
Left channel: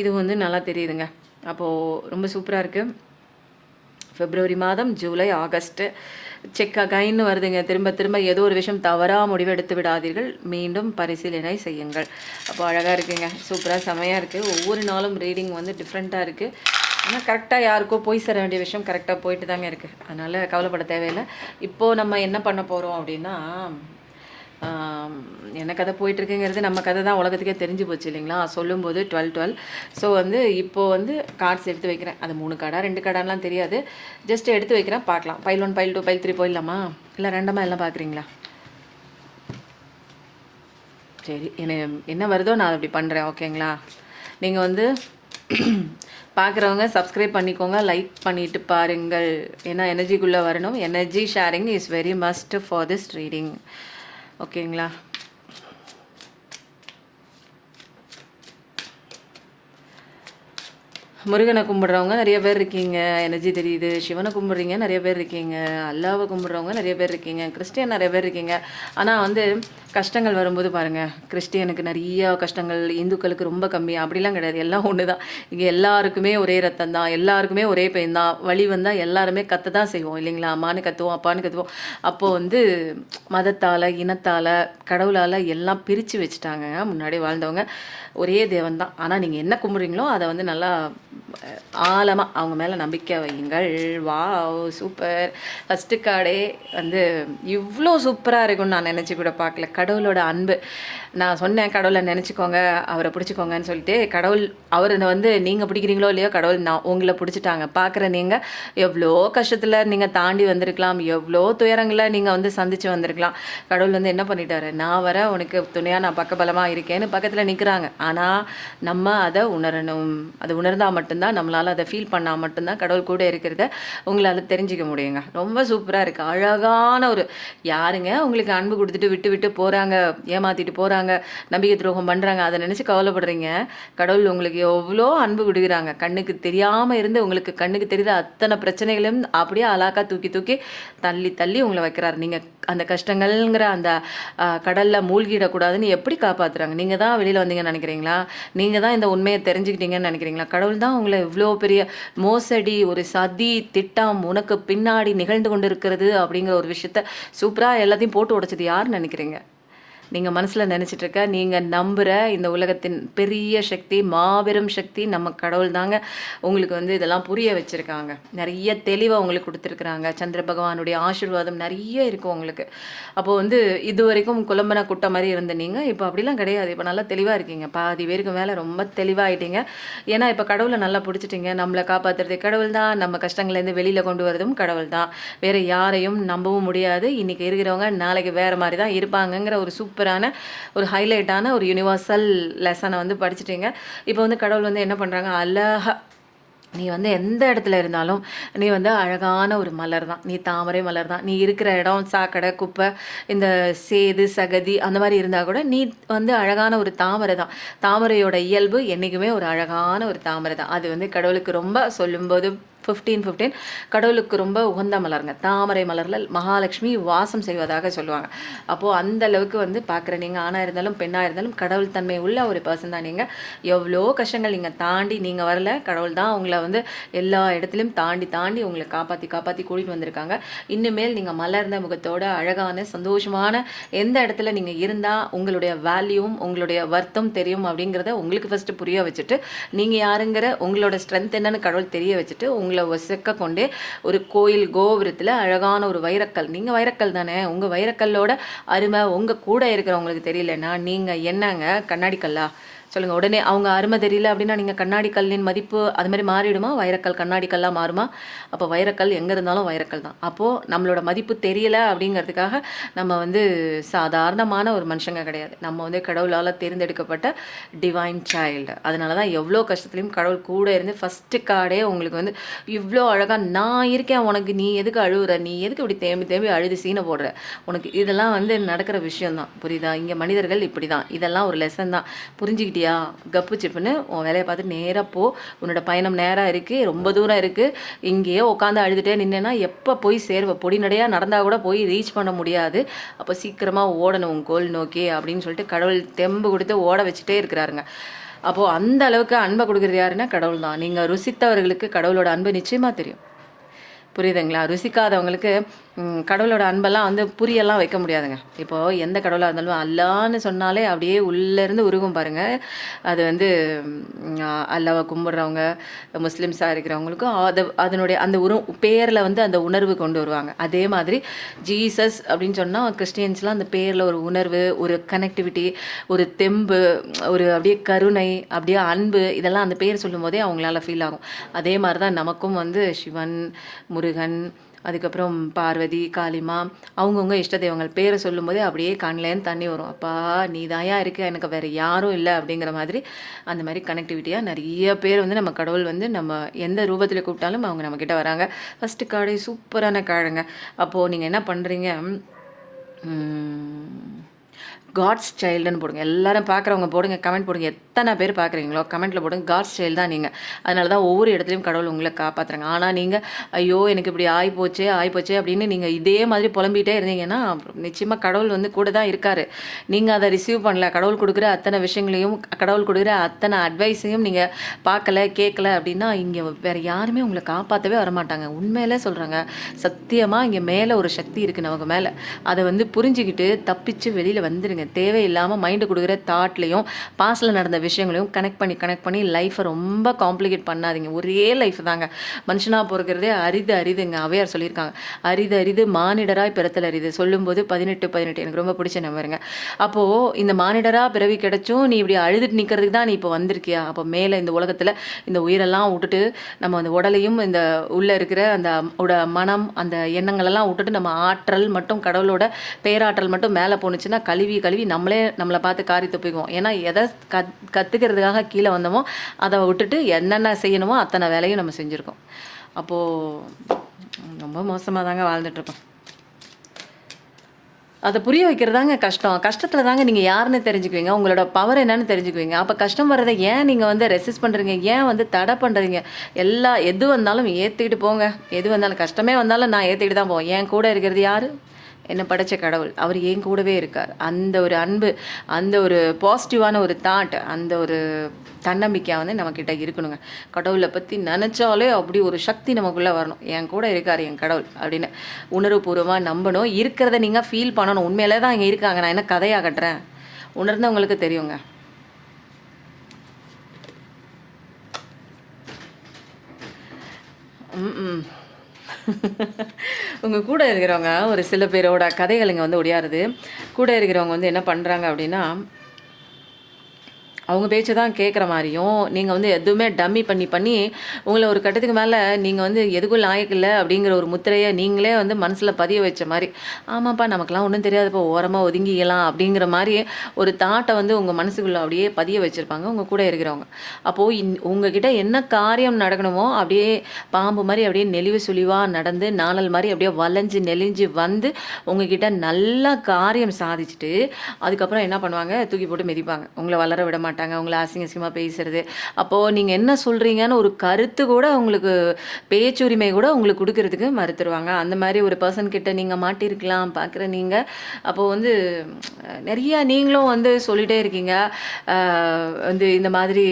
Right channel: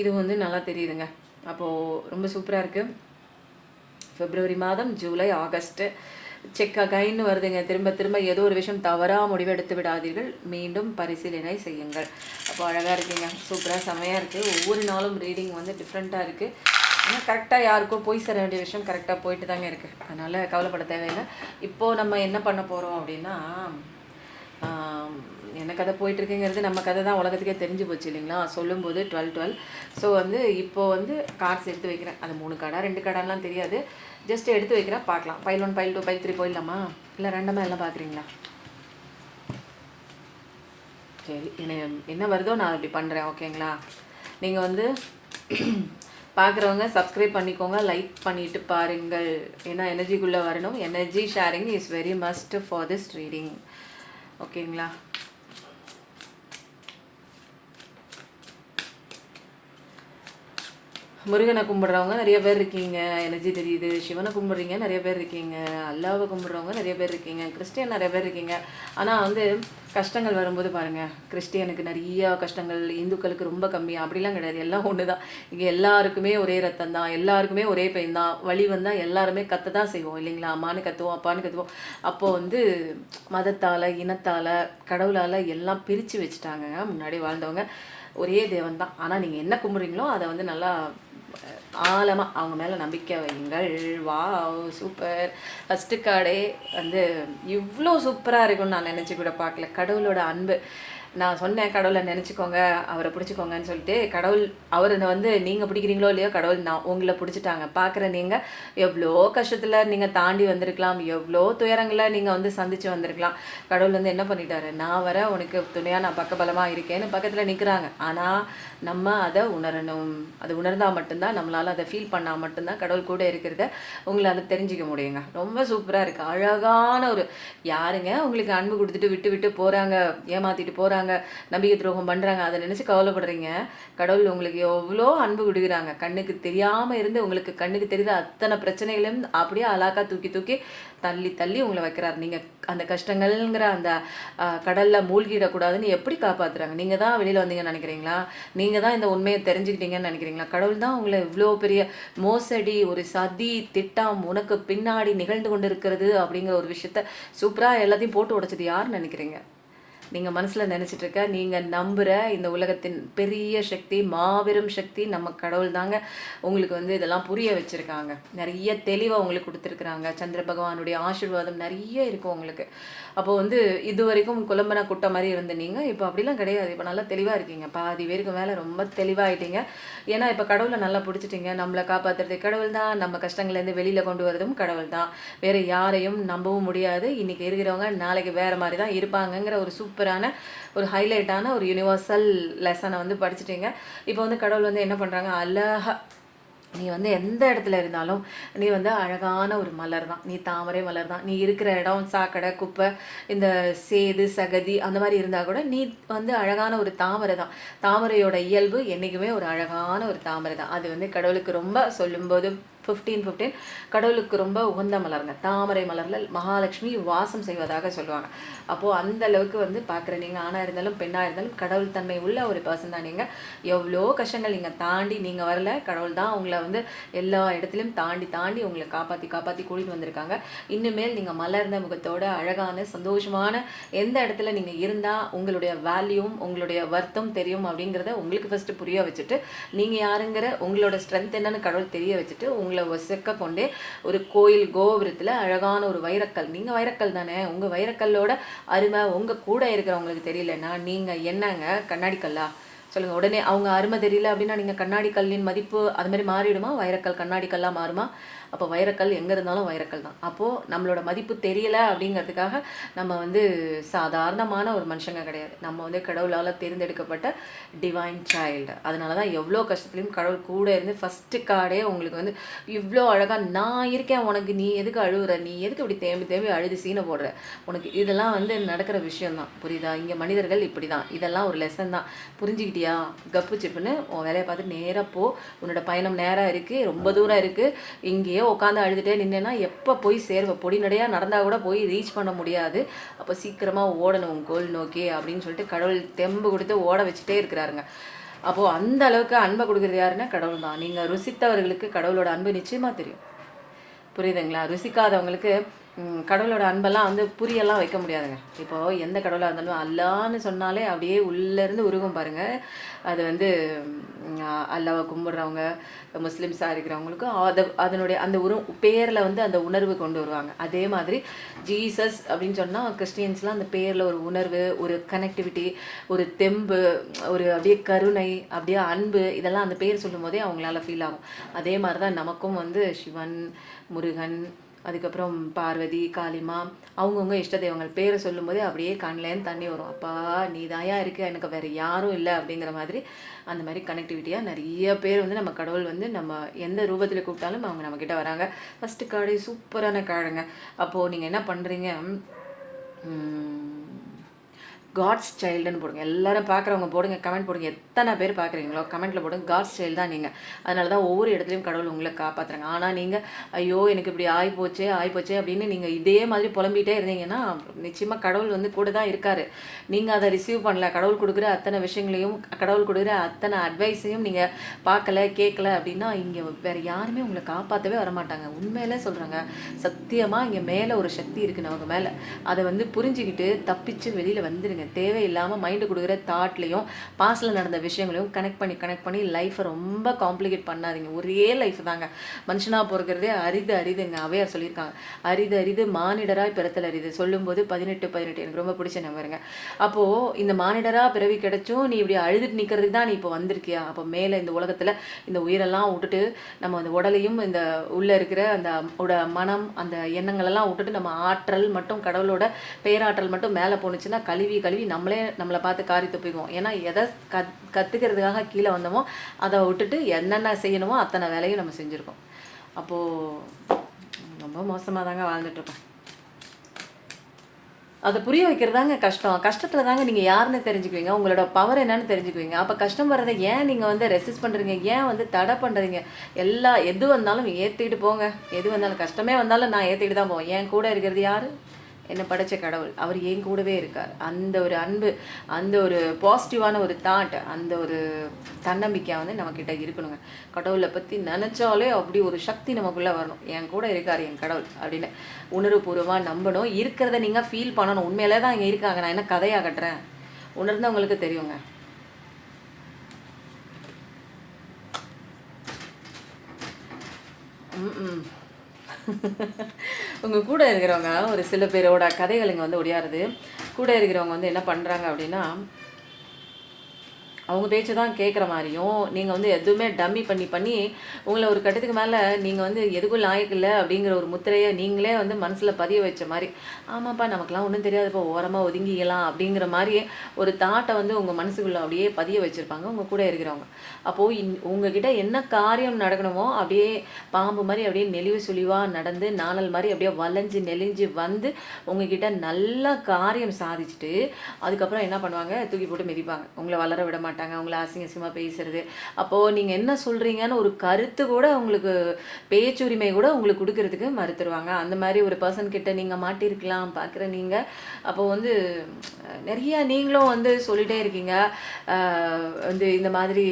இது வந்து நல்லா தெரியுதுங்க. அப்போது ரொம்ப சூப்பராக இருக்குது. பிப்ரவரி மாதம், ஜூலை, ஆகஸ்ட்டு செக் அகைன்னு வருதுங்க. திரும்ப ஏதோ ஒரு விஷயம் தவறாக முடிவெடுத்து விடாதீர்கள், மீண்டும் பரிசீலனை செய்யுங்கள். அப்போ அழகாக இருக்குங்க, சூப்பராக செமையாக இருக்குது. ஒவ்வொரு நாளும் ரீடிங் வந்து டிஃப்ரெண்ட்டாக இருக்குது. ஆனால் கரெக்டாக யாருக்கோ போய் சேர வேண்டிய விஷயம் கரெக்டாக போயிட்டு தாங்க இருக்குது. அதனால் கவலைப்பட தேவையில்லை. இப்போது நம்ம என்ன பண்ண போகிறோம் அப்படின்னா, என்ன கதை போயிட்டுருக்குங்கிறது நம்ம கதை தான் உலகத்துக்கே தெரிஞ்சு போச்சு இல்லைங்களா? சொல்லும்போது 12. ஸோ வந்து இப்போது வந்து கார்ட்ஸ் எடுத்து வைக்கிறேன். அது 3 கார்டா 2 கார்டாலாம் தெரியாது, ஜஸ்ட் எடுத்து வைக்கிறேன், பார்க்கலாம். பைல் 1, பைல் 2, பைல் 3 போயிடலாமா? இல்லை ரெண்டமாக எல்லாம் பார்க்குறீங்களா? சரி, என்ன வருதோ நான் அப்படி பண்ணுறேன். ஓகேங்களா? நீங்கள் வந்து பார்க்குறவங்க சப்ஸ்கிரைப் பண்ணிக்கோங்க, லைக் பண்ணிவிட்டு பாருங்கள். ஏன்னா எனர்ஜிக்குள்ளே வரணும். Energy sharing is very must for this reading. ஓகேங்களா? முருகனை கும்பிட்றவங்க நிறைய பேர் இருக்கீங்க, எனர்ஜி தெரியுது. சிவனை கும்பிட்றீங்க நிறைய பேர் இருக்கீங்க. அல்லாவை கும்பிட்றவங்க நிறைய பேர் இருக்கீங்க. கிறிஸ்டியன் நிறைய பேர் இருக்கீங்க. ஆனால் வந்து கஷ்டங்கள் வரும்போது பாருங்கள், கிறிஸ்டியனுக்கு நிறைய கஷ்டங்கள், இந்துக்களுக்கு ரொம்ப கம்மி அப்படிலாம் கிடையாது. எல்லாம் ஒன்று தான். இங்கே எல்லாருக்குமே ஒரே ரத்தம் தான், எல்லாருக்குமே ஒரே பெயின் தான். வலி வந்தால் எல்லாருமே கற்று தான் செய்வோம் இல்லைங்களா? அம்மானு கற்றுவோம், அப்பான்னு கற்றுவோம். அப்போது வந்து மதத்தால், இனத்தால், கடவுளால் எல்லாம் பிரித்து வச்சுட்டாங்க. முன்னாடி வாழ்ந்தவங்க ஒரே தேவன் தான். ஆனால் நீங்கள் என்ன கும்பிட்றீங்களோ அதை வந்து நல்லா ஆழமாக அவங்க மேலே நம்பிக்கை வையுங்கள். வா சூப்பர். ஃபஸ்ட்டு கார்டே வந்து இவ்வளோ சூப்பராக இருக்கும்னு நான் நினச்சி கூட பார்க்கல. கடவுளோட அன்பு. நான் சொன்னேன் கடவுளை நினச்சிக்கோங்க, அவரை பிடிச்சிக்கோங்கன்னு சொல்லிட்டு. கடவுள் அவரை வந்து நீங்கள் பிடிக்கிறீங்களோ இல்லையோ, கடவுள் உங்களை பிடிச்சிட்டாங்க. பார்க்குற நீங்கள் எவ்வளோ கஷ்டத்தில் நீங்கள் தாண்டி வந்திருக்கலாம், எவ்வளோ துயரங்களை நீங்கள் வந்து சந்தித்து வந்திருக்கலாம். கடவுள் வந்து என்ன பண்ணிட்டாரு, நான் வர உனக்கு துணையாக நான் பக்கபலமாக இருக்கேன்னு பக்கத்தில் நிற்கிறாங்க. ஆனால் நம்ம அதை உணரணும். அது உணர்ந்தால் மட்டும்தான், நம்மளால் அதை ஃபீல் பண்ணால் மட்டும்தான் கடவுள் கூட இருக்கிறத உங்களால் தெரிஞ்சிக்க முடியுங்க. ரொம்ப சூப்பராக இருக்குது. அழகான ஒரு யாருங்க உங்களுக்கு அன்பு கொடுத்துட்டு விட்டு விட்டு போகிறாங்க, ஏமாற்றிட்டு போகிறாங்க, நம்பிக்கை துரோகம் பண்ணுறாங்க, அதை நினச்சி கவலைப்படுறீங்க. கடவுள் உங்களுக்கு எவ்வளோ அன்பு கொடுக்குறாங்க. கண்ணுக்கு தெரியாமல் இருந்து உங்களுக்கு கண்ணுக்கு தெரியுத அத்தனை பிரச்சனைகளையும் அப்படியே அலாக்கா தூக்கி தூக்கி தள்ளி தள்ளி உங்களை வைக்கிறார். நீங்கள் அந்த கஷ்டங்கள்ங்கிற அந்த கடலில் மூழ்கிடக்கூடாதுன்னு எப்படி காப்பாற்றுறாங்க? நீங்கள் தான் வெளியில் வந்தீங்கன்னு நினைக்கிறீங்களா? நீங்கள் தான் இந்த உண்மையை தெரிஞ்சுக்கிட்டீங்கன்னு நினைக்கிறீங்களா? கடவுள் தான் உங்களை இவ்வளோ பெரிய மோசடி, ஒரு சதி திட்டம் உனக்கு பின்னாடி நிகழ்ந்து கொண்டு இருக்கிறது அப்படிங்கிற ஒரு விஷயத்த சூப்பராக எல்லாத்தையும் போட்டு உடைச்சது யாருன்னு நினைக்கிறீங்க? நீங்கள் மனசில் நினச்சிட்ருக்க, நீங்கள் நம்புகிற இந்த உலகத்தின் பெரிய சக்தி, மாபெரும் சக்தி நம்ம கடவுள் தாங்க உங்களுக்கு வந்து இதெல்லாம் புரிய வச்சுருக்காங்க. நிறைய தெளிவாக உங்களுக்கு கொடுத்துருக்குறாங்க. சந்திர பகவானுடைய ஆசீர்வாதம் நிறைய இருக்கும் உங்களுக்கு. அப்போது வந்து இது வரைக்கும் குழம்பன குட்டை மாதிரி இருந்த நீங்கள் இப்போ அப்படிலாம் கிடையாது. இப்போ நல்லா தெளிவாக இருக்கீங்க. பாதி பேருக்கு மேலே ரொம்ப தெளிவாகிட்டீங்க. ஏன்னா இப்போ கடவுளை நல்லா பிடிச்சிட்டிங்க. நம்மளை காப்பாற்றுறது கடவுள் தான், நம்ம கஷ்டங்கள்லேருந்து வெளியில் கொண்டு வரதும் கடவுள் தான். வேறு யாரையும் நம்பவும் முடியாது. இன்றைக்கி இருக்கிறவங்க நாளைக்கு வேறு மாதிரி தான் இருப்பாங்கங்கிற ஒரு சூப்பரான ஒரு ஹைலைட்டான ஒரு யூனிவர்சல் லெசனை வந்து படிச்சுட்டீங்க. இப்போ வந்து கடவுள் வந்து என்ன பண்ணுறாங்க, அழகா நீ வந்து எந்த இடத்துல இருந்தாலும் நீ வந்து அழகான ஒரு மலர் தான், நீ தாமரை மலர் தான். நீ இருக்கிற இடம் சாக்கடை குப்பை இந்த சேது சகதி அந்த மாதிரி இருந்தால் கூட நீ வந்து அழகான ஒரு தாமரை தான். தாமரையோட இயல்பு என்றைக்குமே ஒரு அழகான ஒரு தாமரை தான். அது வந்து கடவுளுக்கு ரொம்ப சொல்லும்போது 15 கடவுளுக்கு ரொம்ப உகந்த மலருங்க. தாமரை மலரில் மகாலட்சுமி வாசம் செய்வதாக சொல்லுவாங்க. அப்போது அந்த அளவுக்கு வந்து பார்க்குற நீங்கள் ஆணாக இருந்தாலும் பெண்ணாக இருந்தாலும் கடவுள் தன்மை உள்ள ஒரு பர்சன் தான். நீங்கள் எவ்வளோ கஷ்டங்கள் நீங்கள் தாண்டி நீங்கள் வரல, கடவுள் தான் உங்களை வந்து எல்லா இடத்துலையும் தாண்டி தாண்டி உங்களை காப்பாற்றி கூட்டிகிட்டு வந்திருக்காங்க. இன்னுமேல் நீங்கள் மலர்ந்த முகத்தோட அழகான சந்தோஷமான எந்த இடத்துல நீங்கள் இருந்தால் உங்களுடைய வேல்யூவும் உங்களுடைய வர்த்தம் தெரியும் அப்படிங்கிறத உங்களுக்கு ஃபஸ்ட்டு புரிய வச்சுட்டு, நீங்கள் யாருங்கிற உங்களோட ஸ்ட்ரென்த் என்னன்னு கடவுள் தெரிய வச்சுட்டு உங்களை வசக்க கொண்டே ஒரு கோயில் கோபுரத்தில் அழகான ஒரு வைரக்கல், நீங்கள் வைரக்கல் தானே, உங்கள் வைரக்கல்லோட அருமை உங்கள் கூட இருக்கிறவங்களுக்கு தெரியலன்னா நீங்கள் என்னங்க கண்ணாடி கல்லா சொல்லுங்கள். உடனே அவங்க அருமை தெரியல அப்படின்னா நீங்கள் கண்ணாடி கல்லின் மதிப்பு அது மாதிரி மாறிடுமா? வைரக்கல் கண்ணாடி கல்லாக மாறுமா? அப்போ வைரக்கல் எங்கே இருந்தாலும் வைரக்கல் தான். அப்போது நம்மளோட மதிப்பு தெரியலை அப்படிங்கிறதுக்காக நம்ம வந்து சாதாரணமான ஒரு மனுஷங்க கிடையாது. நம்ம வந்து கடவுளால் தேர்ந்தெடுக்கப்பட்ட டிவைன் சைல்டு. அதனால தான் எவ்வளோ கஷ்டத்துலையும் கடவுள் கூட இருந்து ஃபஸ்ட்டு கார்டே உங்களுக்கு வந்து இவ்வளோ அழகாக நான் இருக்கேன், உனக்கு நீ எதுக்கு அழுகுற, நீ எதுக்கு இப்படி தேம்பி தேம்பி அழுது சீனை போடுற, உனக்கு இதெல்லாம் வந்து நடக்கிற விஷயம்தான். புரியுதா? இங்கே மனிதர்கள் இப்படி தான். இதெல்லாம் ஒரு லெசன் தான். புரிஞ்சுக்கிட்டியா? கப்பு சிப்புன்னு உன் வேலையை பார்த்து நேராக போ. உன்னோட பயணம் நேராக இருக்குது, ரொம்ப தூரம் இருக்குது. இங்கேயே உட்காந்து அழுதுகிட்டே நின்னேன்னா எப்போ போய் சேருவ? பொடி நடையாக நடந்தால் கூட போய் ரீச் பண்ண முடியாது. அப்போ சீக்கிரமாக ஓடணும் உன் கோல் நோக்கி அப்படின்னு சொல்லிட்டு கடவுள் தெம்பு கொடுத்து ஓட வச்சுட்டே இருக்கிறாருங்க. அப்போது அந்த அளவுக்கு அன்பை கொடுக்குறது யாருன்னா கடவுள் தான். நீங்கள் ருசித்தவர்களுக்கு கடவுளோட அன்பு நிச்சயமாக தெரியும். புரியுதுங்களா? ருசிக்காதவங்களுக்கு கடவுளோட அன்பெல்லாம் வந்து புரியெல்லாம் வைக்க முடியாதுங்க. இப்போது எந்த கடவுளாக இருந்தாலும் அல்லான்னு சொன்னாலே அப்படியே உள்ளேருந்து உருகும் பாருங்கள். அது வந்து அல்லாவை கும்பிட்றவங்க முஸ்லீம்ஸாக இருக்கிறவங்களுக்கும் அதனுடைய அந்த பேரில் வந்து அந்த உணர்வு கொண்டு வருவாங்க. அதே மாதிரி ஜீசஸ் அப்படின்னு சொன்னால் கிறிஸ்டியன்ஸ்லாம் அந்த பேரில் ஒரு உணர்வு, ஒரு கனெக்டிவிட்டி, ஒரு தெம்பு, ஒரு அப்படியே கருணை, அப்படியே அன்பு, இதெல்லாம் அந்த பேர் சொல்லும் போதே அவங்களால ஃபீல் ஆகும். அதே மாதிரி தான் நமக்கும் வந்து சிவன், முருகன், அதுக்கப்புறம் பார்வதி, காளிமா, அவங்கவுங்க இஷ்ட தெய்வங்கள் பேரை சொல்லும் போதே அப்படியே கண்லேருந்து தண்ணி வரும். அப்பா நீ தாயா இருக்க, எனக்கு வேறு யாரும் இல்லை அப்படிங்கிற மாதிரி அந்த மாதிரி கனெக்டிவிட்டியாக நிறைய பேர் வந்து நம்ம கடவுள் வந்து நம்ம எந்த ரூபத்தில் கூப்பிட்டாலும் அவங்க நம்மக்கிட்ட வராங்க. ஃபஸ்ட்டு கார்டு சூப்பரான கார்டுங்க. அப்போது நீங்கள் என்ன பண்ணுறீங்க, காட்ஸ் சைல்டுன்னு போடுங்க. எல்லாரும் பார்க்குறவங்க போடுங்க, கமெண்ட் போடுங்க. எத்தனை பேர் பார்க்குறீங்களோ கமெண்ட்டில் போடுங்க. காட்ஸ் சைல்டு தான் நீங்கள். அதனால தான் ஒவ்வொரு இடத்துலையும் கடவுள் உங்களை காப்பாற்றுறாங்க. ஆனால் நீங்கள் ஐயோ எனக்கு இப்படி ஆகிப்போச்சே அப்படின்னு நீங்கள் இதே மாதிரி புலம்பிகிட்டே இருந்தீங்கன்னா நிச்சயமாக கடவுள் வந்து கூட தான் இருக்கார். நீங்கள் அதை ரிசீவ் பண்ணல. கடவுள் கொடுக்குற அத்தனை விஷயங்களையும், கடவுள் கொடுக்குற அத்தனை அட்வைஸையும் நீங்கள் பார்க்கல, கேட்கல அப்படின்னா இங்கே வேறு யாருமே உங்களை காப்பாற்றவே வரமாட்டாங்க. உண்மையிலே சொல்கிறாங்க, சத்தியமாக இங்கே மேலே ஒரு சக்தி இருக்குது நமக்கு மேலே. அதை வந்து புரிஞ்சுக்கிட்டு தப்பிச்சு வெளியில் வந்துடுங்க. தேவையில்லாமல் மைண்டு கொடுக்குற தாட்லையும் பாஸ்டில் நடந்த விஷயங்களையும் கனெக்ட் பண்ணி லைஃப்பை ரொம்ப காம்ப்ளிகேட் பண்ணாதீங்க. ஒரே லைஃப் தாங்க. மனுஷனாக பிறக்கிறதே அரிதுங்க. அவையார் சொல்லியிருக்காங்க, அரிது மானிடராய் பிறத்தல் அரிது. சொல்லும்போது 18 எனக்கு ரொம்ப பிடிச்ச நம்பருங்க. அப்போது இந்த மானிடராக பிறவி கிடைச்சும் நீ இப்படி அழுதுட்டு நிற்கிறதுக்கு தான் நீ இப்போ வந்திருக்கியா? அப்போ மேலே இந்த உலகத்தில் இந்த உயிரெல்லாம் விட்டுட்டு நம்ம அந்த உடலையும் இந்த உள்ளே இருக்கிற அந்த மனம் அந்த எண்ணங்களெல்லாம் விட்டுட்டு நம்ம ஆற்றல் மட்டும் கடவுளோட பேராற்றல் மட்டும் மேலே போணுச்சுன்னா கழுவி நம்மளை பார்த்து காரி துப்பிக்குவோம். ஏன்னா எதை கற்றுக்கிறதுக்காக கீழே வந்தோமோ அதை விட்டுட்டு என்னென்ன செய்யணுமோ அத்தனை வேலையும் நம்ம செஞ்சுருக்கோம். அப்போது ரொம்ப மோசமாக தாங்க வாழ்ந்துட்டுருக்கோம். அதை புரிய வைக்கிறதாங்க கஷ்டம். கஷ்டத்தில் தாங்க நீங்கள் யாருன்னு தெரிஞ்சுக்குவீங்க, உங்களோட பவர் என்னன்னு தெரிஞ்சுக்குவீங்க. அப்போ கஷ்டம் வர்றதை ஏன் நீங்கள் வந்து ரெசிஸ்ட் பண்ணுறீங்க, ஏன் வந்து தடை பண்ணுறீங்க? எது வந்தாலும் ஏற்றிக்கிட்டு போங்க. எது வந்தாலும் கஷ்டமே வந்தாலும் நான் ஏற்றிக்கிட்டு தான் போவேன். என் கூட இருக்கிறது யார்? என்னை படைச்ச கடவுள் அவர் என் கூடவே இருக்கார். அந்த ஒரு அன்பு, அந்த ஒரு பாசிட்டிவான ஒரு தாட், அந்த ஒரு தன்னம்பிக்கை வந்து நம்மக்கிட்ட இருக்கணுங்க. கடவுளை பற்றி நினச்சாலே அப்படி ஒரு சக்தி நமக்குள்ளே வரணும். என் கூட இருக்கார் என் கடவுள் அப்படின்னு உணர்வுபூர்வமாக நம்பணும். இருக்கிறத நீங்கள் ஃபீல் பண்ணணும். உண்மையிலே தான் இங்கே இருக்காங்க, நான் என்ன கதையாக கட்டுறேன், உணர்ந்தவங்களுக்கு தெரியுங்க. ம் உங்கள் கூட இருக்கிறவங்க ஒரு சில பேரோட கதைகள் இங்கே வந்து ஒடியாருது. கூட இருக்கிறவங்க வந்து என்ன பண்ணுறாங்க அப்படின்னா, அவங்க பேச்சை தான் கேட்குற மாதிரியும், நீங்கள் வந்து எதுவுமே டம்மி பண்ணி பண்ணி உங்களை ஒரு கட்டத்துக்கு மேலே நீங்கள் வந்து எதுக்கும் லாயக்கில்லை அப்படிங்கிற ஒரு முத்திரையை நீங்களே வந்து மனசில் பதிய வச்ச மாதிரி, ஆமாப்பா நமக்குலாம் ஒன்றும் தெரியாதுப்பா ஓரமாக ஒதுங்கிக்கலாம் அப்படிங்கிற மாதிரி ஒரு தாட்டை வந்து உங்கள் மனசுக்குள்ளே அப்படியே பதிய வச்சுருப்பாங்க உங்கள் கூட இருக்கிறவங்க. அப்போது உங்ககிட்ட என்ன காரியம் நடக்கணுமோ அப்படியே பாம்பு மாதிரி அப்படியே நெளிவு சுழிவாக நடந்து நாணல் மாதிரி அப்படியே வளைஞ்சு நெளிஞ்சு வந்து உங்ககிட்ட நல்லா காரியம் சாதிச்சுட்டு அதுக்கப்புறம் என்ன பண்ணுவாங்க, தூக்கி போட்டு மிதிப்பாங்க. உங்களை வளர விட மாட்டாங்க, உங்களை அசிங்கமாக பேசுறது. அப்போது நீங்கள் என்ன சொல்கிறீங்கன்னு ஒரு கருத்து கூட உங்களுக்கு, பேச்சுரிமை கூட உங்களுக்கு கொடுக்கறதுக்கு மறுத்துருவாங்க. அந்த மாதிரி ஒரு பர்சன் கிட்ட நீங்கள் மாட்டிருக்கலாம் பார்க்குற நீங்கள். அப்போது வந்து நிறையா நீங்களும் வந்து சொல்லிகிட்டே இருக்கீங்க. வந்து இந்த மாதிரி